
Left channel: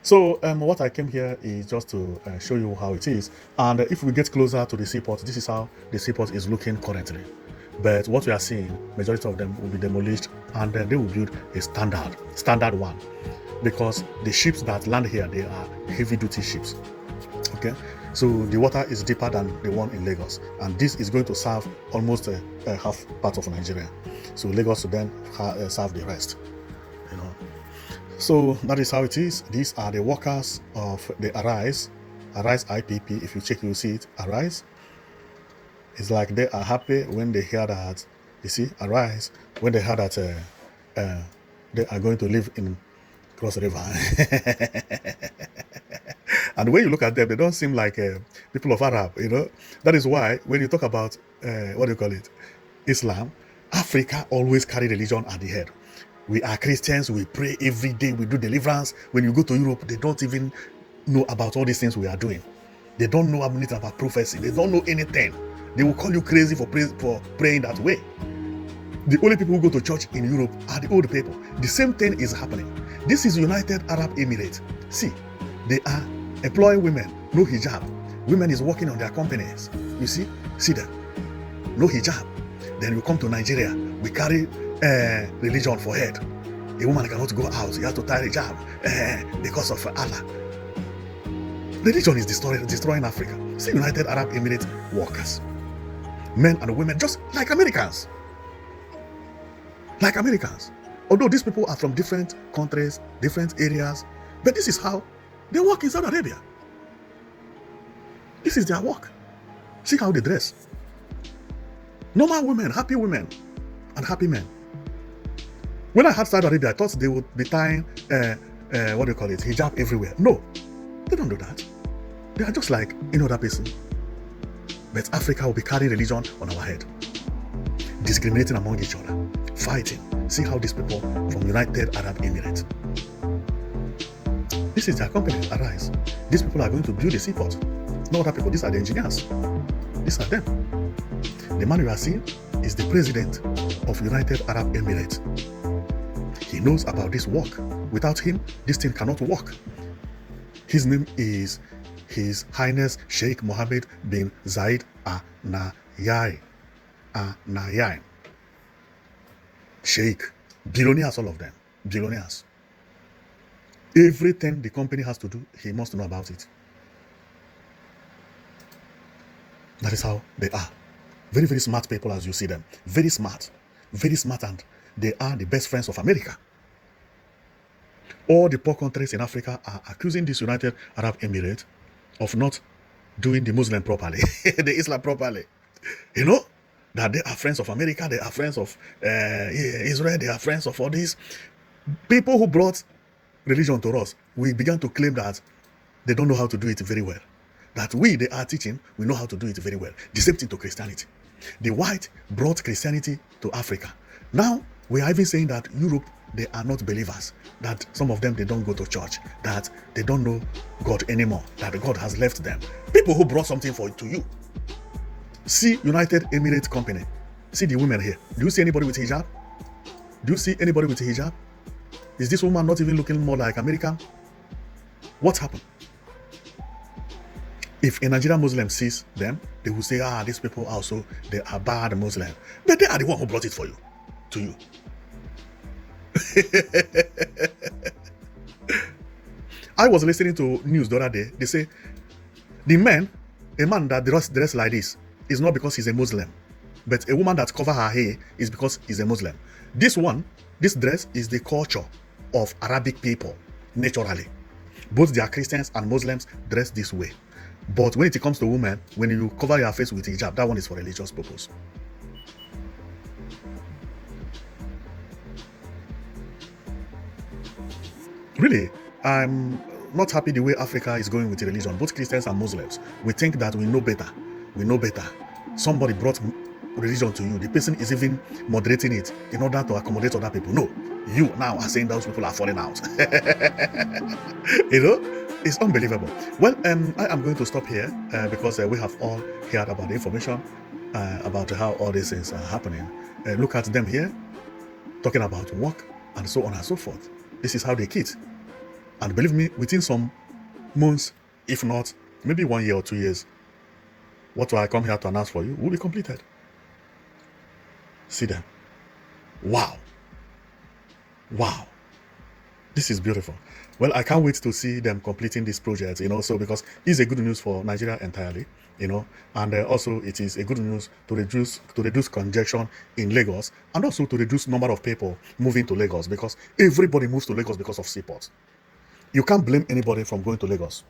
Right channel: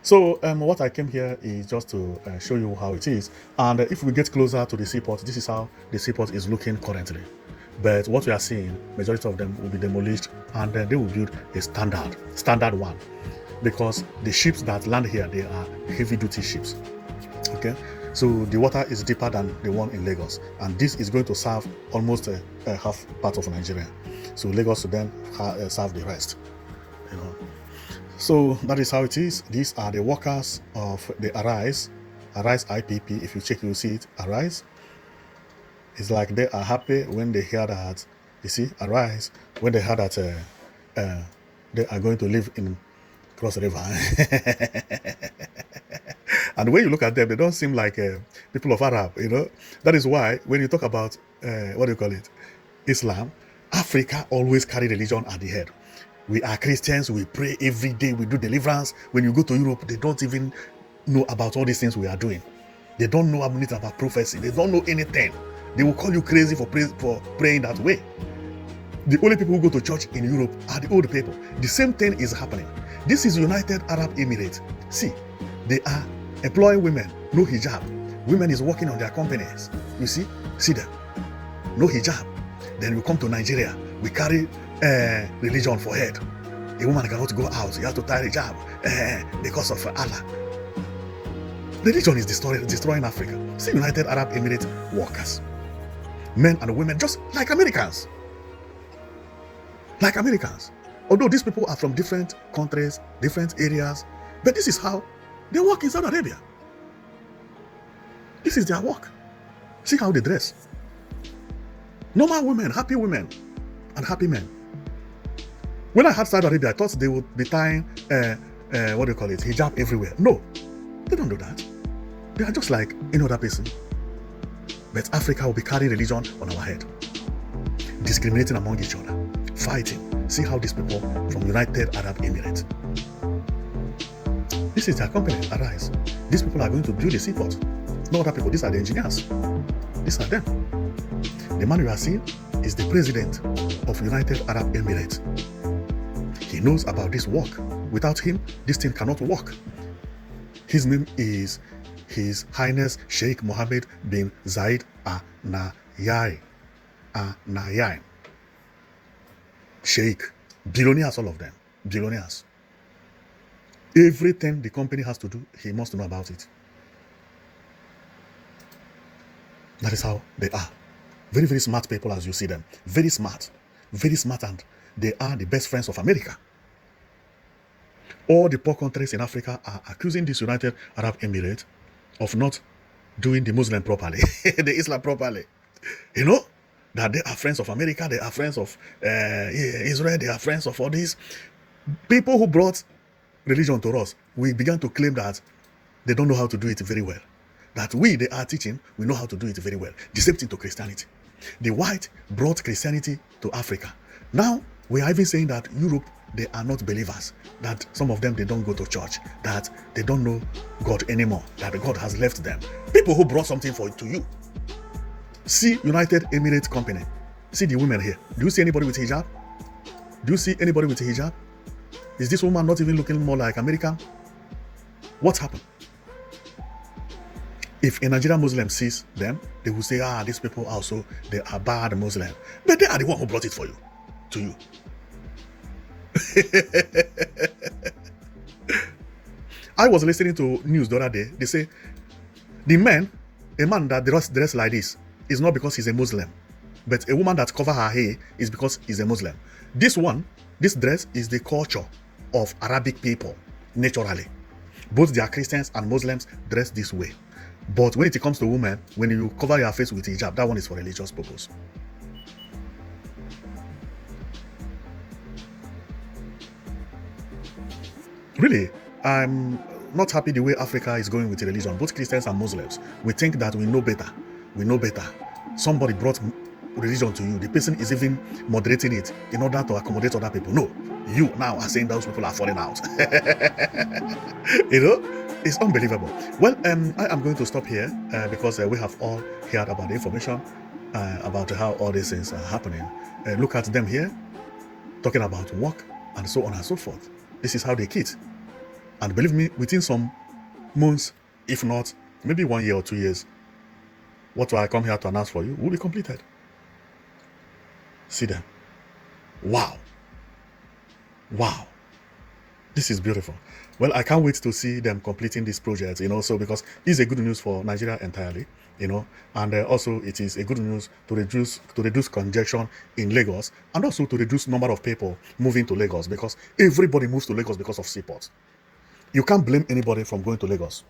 So what I came here is just to show you how it is. And if we get closer to the seaport, this is how the seaport is looking currently. But what we are seeing, majority of them will be demolished, and then they will build a standard one. Because the ships that land here, they are heavy-duty ships. Okay, so the water is deeper than the one in Lagos, and this is going to serve almost a half part of Nigeria. So Lagos will then serve the rest. So that is how it is. These are the workers of the Arise IPP. If you check, you see it. Arise. It's like they are happy when they hear that. You see, Arise, when they hear that they are going to live in Cross River. And when you look at them, they don't seem like people of Arab, you know. That is why when you talk about Islam, Africa always carry religion at the head. We are Christians, we pray every day, we do deliverance. When you go to Europe, they don't even know about all these things we are doing. They don't know anything about prophecy. They don't know anything. They will call you crazy for praying that way. The only people who go to church in Europe are the old people. The same thing is happening. This is United Arab Emirates. See, they are employing women, no hijab. Women is working on their companies. You see them, no hijab. Then we come to Nigeria, we carry religion for head. A woman cannot go out, you have to tie hijab because of Allah. Religion is destroying Africa. See, United Arab Emirates workers, men and women, just like Americans. Like Americans. Although these people are from different countries, different areas, but this is how they work in Saudi Arabia. This is their work. See how they dress. Normal women, and happy men. When I had Saudi Arabia, I thought they would be tying, what do you call it, hijab everywhere. No, they don't do that. They are just like any other person. But Africa will be carrying religion on our head, discriminating among each other, fighting. See how these people from the United Arab Emirates. This is their company, Arise. These people are going to build the seaport. No other people, these are the engineers. These are them. The man you are seeing is the president of United Arab Emirates. He knows about this work. Without him, this thing cannot work. His name is His Highness Sheikh Mohammed bin Zayed Al Nahyan. Sheikh, billionaires, all of them, billionaires. Everything the company has to do, he must know about it. That is how they are. Very, very smart people as you see them. Very smart, and they are the best friends of America. All the poor countries in Africa are accusing this United Arab Emirates of not doing the Muslim properly, the Islam properly. You know, that they are friends of America, they are friends of Israel, they are friends of all these people who brought religion to us. We began to claim that they don't know how to do it very well. That they are teaching, we know how to do it very well. The same thing to Christianity. The white brought Christianity to Africa. Now, we are even saying that Europe, they are not believers. That some of them, they don't go to church. That they don't know God anymore. That God has left them. People who brought something to you. See United Emirates Company. See the women here. Do you see anybody with hijab? Do you see anybody with hijab? Is this woman not even looking more like American? What happened? If a Nigerian Muslim sees them, they will say, these people also, they are bad Muslim. But they are the one who brought it for you, to you. I was listening to news the other day. They say, a man that dress like this is not because he's a Muslim. But a woman that cover her hair is because he's a Muslim. This dress is the culture of Arabic people, naturally. Both they are Christians and Muslims dress this way. But when it comes to women, when you cover your face with hijab, that one is for religious purpose. Really, I'm not happy the way Africa is going with religion, both Christians and Muslims. We think that we know better. Somebody brought religion to you. The person is even moderating it in order to accommodate other people. No, you now are saying those people are falling out. You know, it's unbelievable. Well, I am going to stop here because we have all heard about the information about how all these things are happening. Look at them here, talking about work and so on and so forth. This is how they kid. And believe me, within some months, if not, maybe 1 year or 2 years, what I come here to announce for you will be completed. See that? Wow. This is beautiful. Well, I can't wait to see them completing this project, so because it's a good news for Nigeria entirely, and also it is a good news to reduce congestion in Lagos, and also to reduce number of people moving to Lagos, because everybody moves to Lagos because of Seaport. You can't blame anybody from going to Lagos,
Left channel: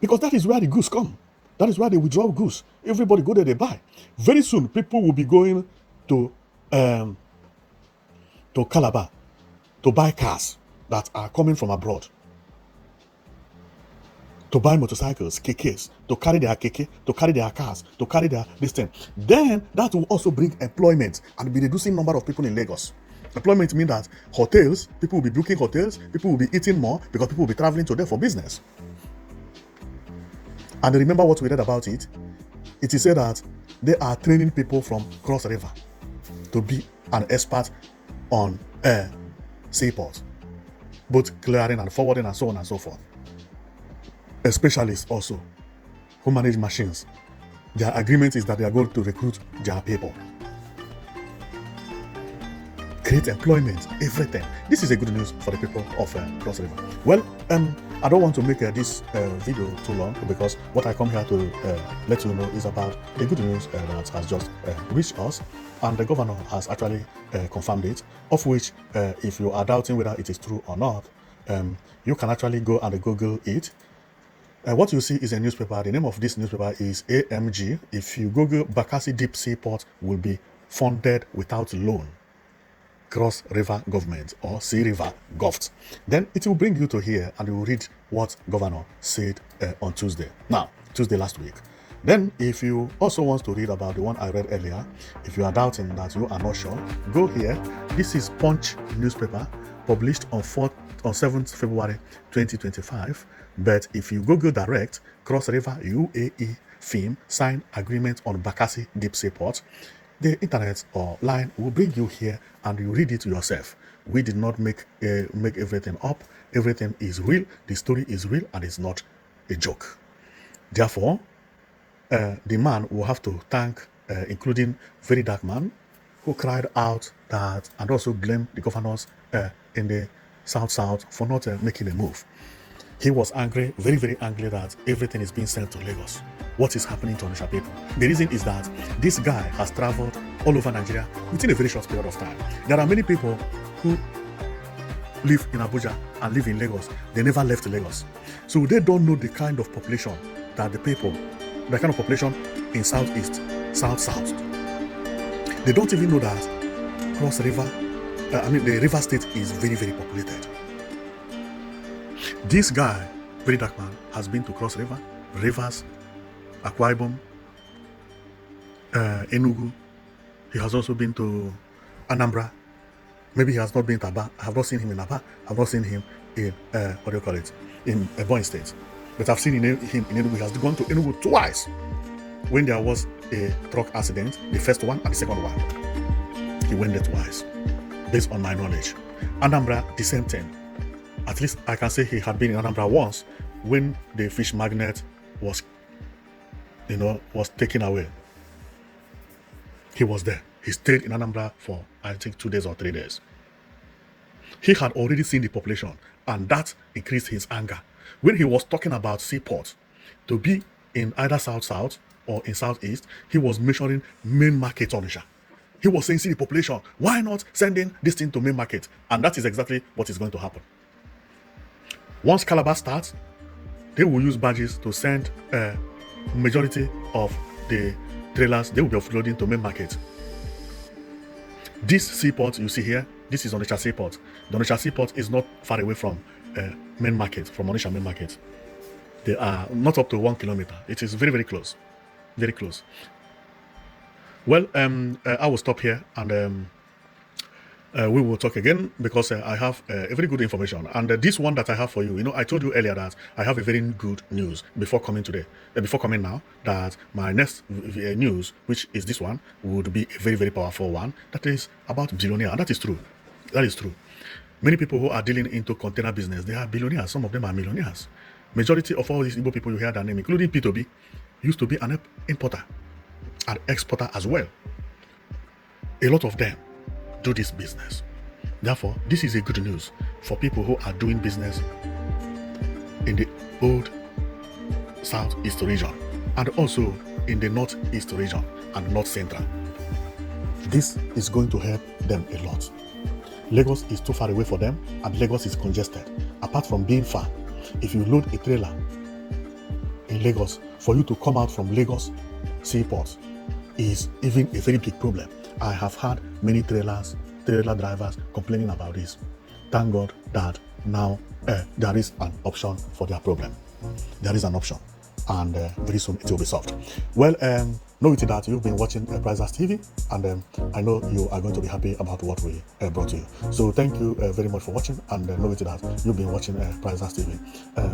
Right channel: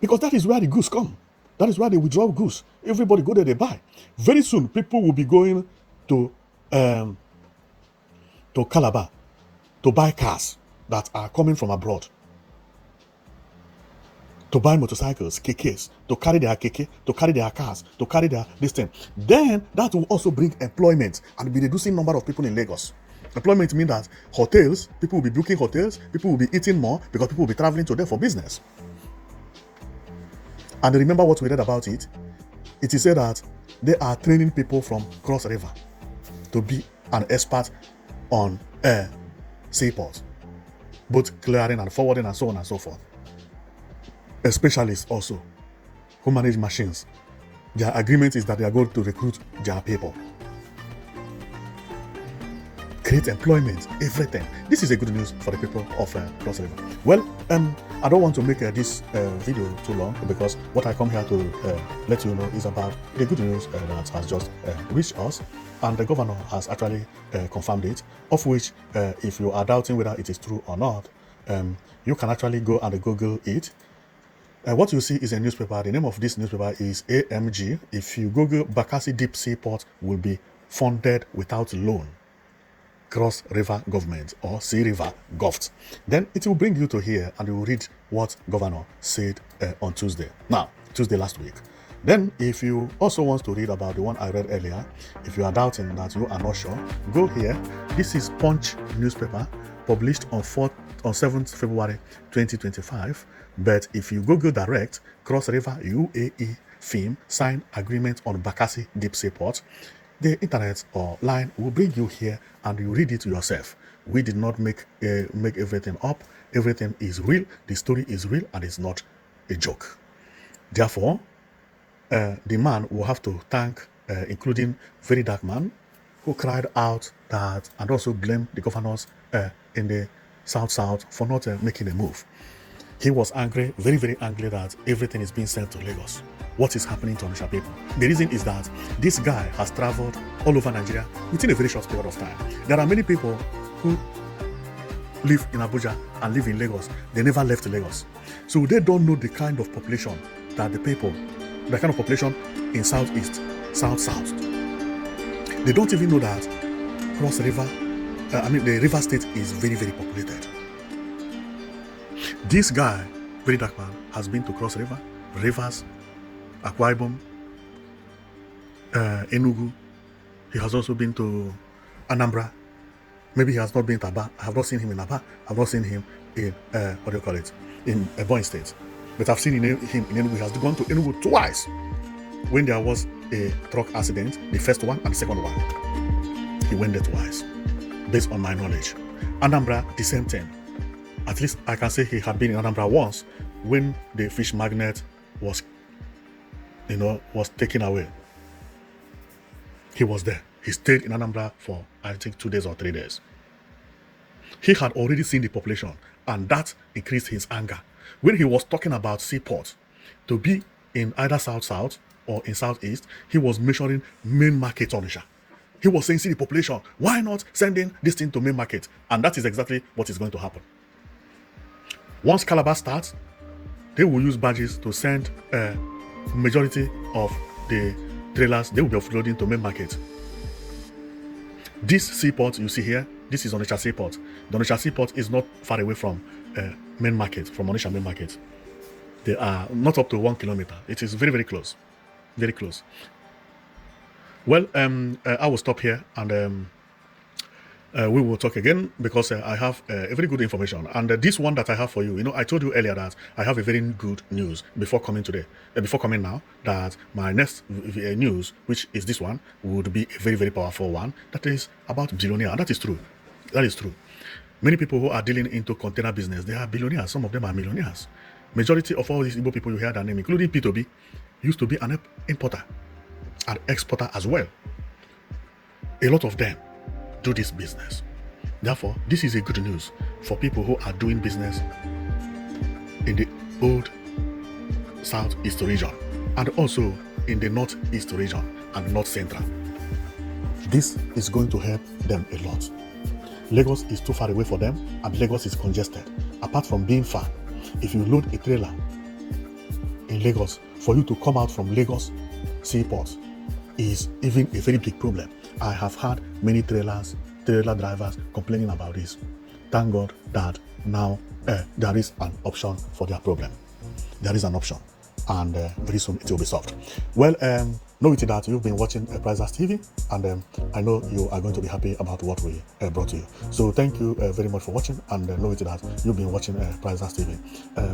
because that is where the goods come. That is where they withdraw goods. Everybody go there, they buy. Very soon, people will be going to Calabar to buy cars that are coming from abroad, to buy motorcycles, kekes, to carry their keke, to carry their cars, to carry their this thing. And that will also bring employment and be reducing number of people in Lagos. Employment means that hotels, people will be booking hotels, people will be eating more because people will be traveling to them for business. And remember what we read about it? It is said that they are training people from Cross River to be an expert on Seaport, both clearing and forwarding and so on and so forth. A specialist also who manage machines. Their agreement is that they are going to recruit their people, create employment, everything. This is a good news for the people of Cross River. Well, I don't want to make this video too long, because what I come here to let you know is about the good news that has just reached us, and the governor has actually confirmed it, of which if you are doubting whether it is true or not, you can actually go and Google it. And what you see is a newspaper. The name of this newspaper is AMG. If you Google Bakassi Deep Seaport will be funded without loan, Cross River Government, or Sea River Govt, then it will bring you to here and you will read what Governor said on Tuesday last week. Then if you also want to read about the one I read earlier, if you are doubting that you are not sure, go here. This is Punch newspaper, published on 7th February 2025. But if you Google direct, Cross River UAE firm signed agreement on Bakassi Deep Seaport, the internet line will bring you here and you read it yourself. We did not make everything up. Everything is real. The story is real and it's not a joke. Therefore, the man will have to thank, including Very Dark Man, who cried out that and also blamed the governors in the South for not making a move. He was angry, very, very angry that everything is being sent to Lagos. What is happening to Onitsha people? The reason is that this guy has traveled all over Nigeria within a very short period of time. There are many people who live in Abuja and live in Lagos. They never left Lagos. So they don't know the kind of population that the kind of population in Southeast, South. They don't even know that Cross River, the River State is very, very populated. This guy, Very Dark Man, has been to Cross River, Rivers, Akwa Ibom, Enugu. He has also been to Anambra. Maybe he has not been to Aba. I have not seen him in Aba. I have not seen him in in Ebonyi State. But I've seen him in Enugu. He has gone to Enugu twice when there was a truck accident, the first one and the second one. He went there twice, based on my knowledge. Anambra, the same thing. At least I can say he had been in Anambra once when the fish magnet was taken away. He was there. He stayed in Anambra for, I think, 2 days or 3 days. He had already seen the population, and that increased his anger. When he was talking about Seaport to be in either South or in Southeast, he was measuring main market Onitsha. He was saying, see the population, why not sending this thing to main market? And that is exactly what is going to happen. Once Calabar starts, they will use badges to send a majority of the trailers. They will be offloading to main market. This seaport you see here, this is Onitsha Seaport. The Onitsha Seaport is not far away from main market, from Onitsha main market. They are not up to 1 kilometer. It is very, very close. Very close. Well, I will stop here and we will talk again, because I have very good information. And this one that I have for you, I told you earlier that I have a very good news before coming now, that my next news, which is this one, would be a very, very powerful one, that is about billionaire. And that is true. That is true. Many people who are dealing into container business, they are billionaires. Some of them are millionaires. Majority of all these Igbo people you hear their name, including P2B, used to be an importer and exporter as well. A lot of them do this business. Therefore, this is a good news for people who are doing business in the old Southeast region and also in the Northeast region and North Central. This is going to help them a lot. Lagos is too far away for them and Lagos is congested. Apart from being far, if you load a trailer in Lagos, for you to come out from Lagos Seaport is even a very big problem. I have had many trailer drivers complaining about this. Thank God that now there is an option for their problem. There is an option, and very soon it will be solved. Well, know it that you've been watching Prizes TV, and I know you are going to be happy about what we brought you. So thank you very much for watching, and know it that you've been watching Prizes TV.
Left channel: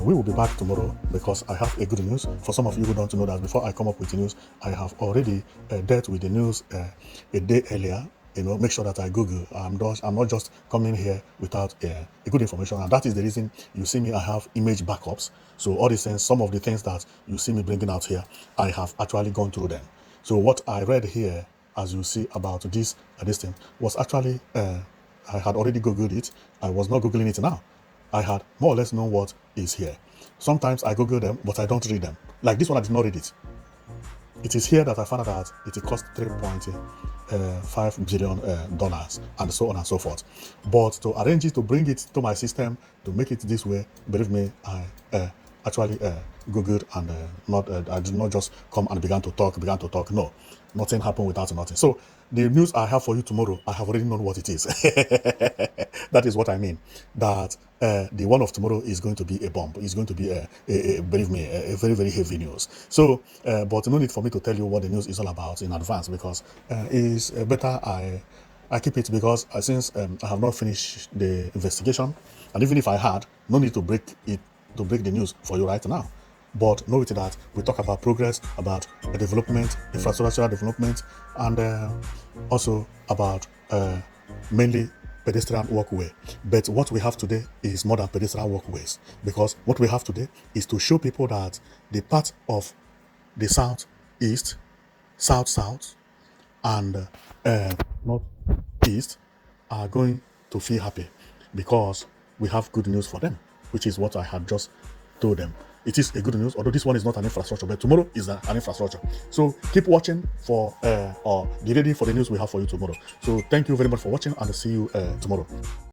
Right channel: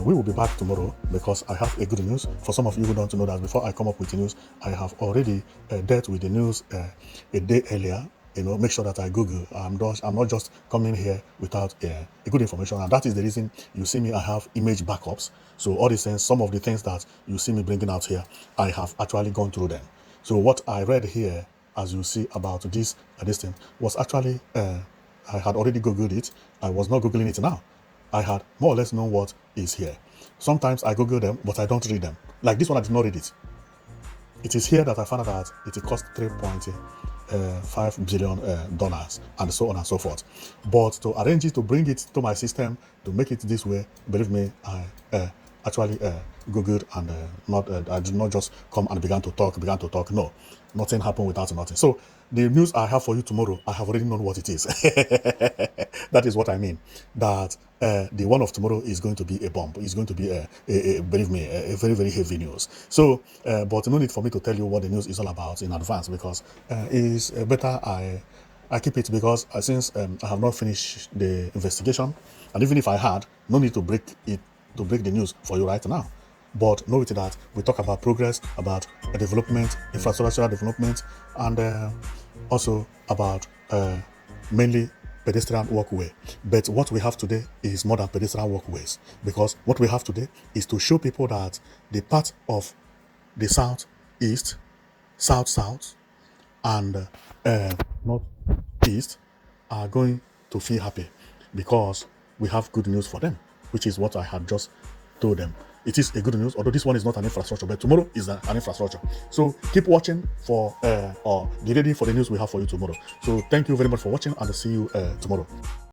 We will be back tomorrow because I have a good news. For some of you who don't know that, before I come up with the news, I have already dealt with the news a day earlier make sure that I Google. I'm not just coming here without a good information, and that is the reason you see me. I have image backups. So all these things, some of the things that you see me bringing out here, I have actually gone through them. So what I read here, as you see about this thing, was actually I had already Googled it. I was not Googling it now. I had more or less know what is here. Sometimes I Google them, but I don't read them. Like this one, I did not read it. It is here that I found out that it cost $3.5 billion dollars, and so on and so forth. But to arrange it, to bring it to my system, to make it this way, believe me, I actually Googled, and I did not just come and began to talk. No, nothing happened without nothing. So the news I have for you tomorrow, I have already known what it is. That is what I mean. That the one of tomorrow is going to be a bomb. It's going to be believe me, a very, very heavy news. So, but no need for me to tell you what the news is all about in advance, because it is better I keep it, because since I have not finished the investigation, and even if I had, no need to break the news for you right now. But know it that we talk about progress, about development, infrastructural development, and also about mainly pedestrian walkway. But what we have today is more than pedestrian walkways, because what we have today is to show people that the part of the southeast, south, and northeast are going to feel happy, because we have good news for them, which is what I have just told them. It is a good news, although this one is not an infrastructure, but tomorrow is an infrastructure. So keep watching for or be ready for the news we have for you tomorrow. So thank you very much for watching, and I'll see you tomorrow.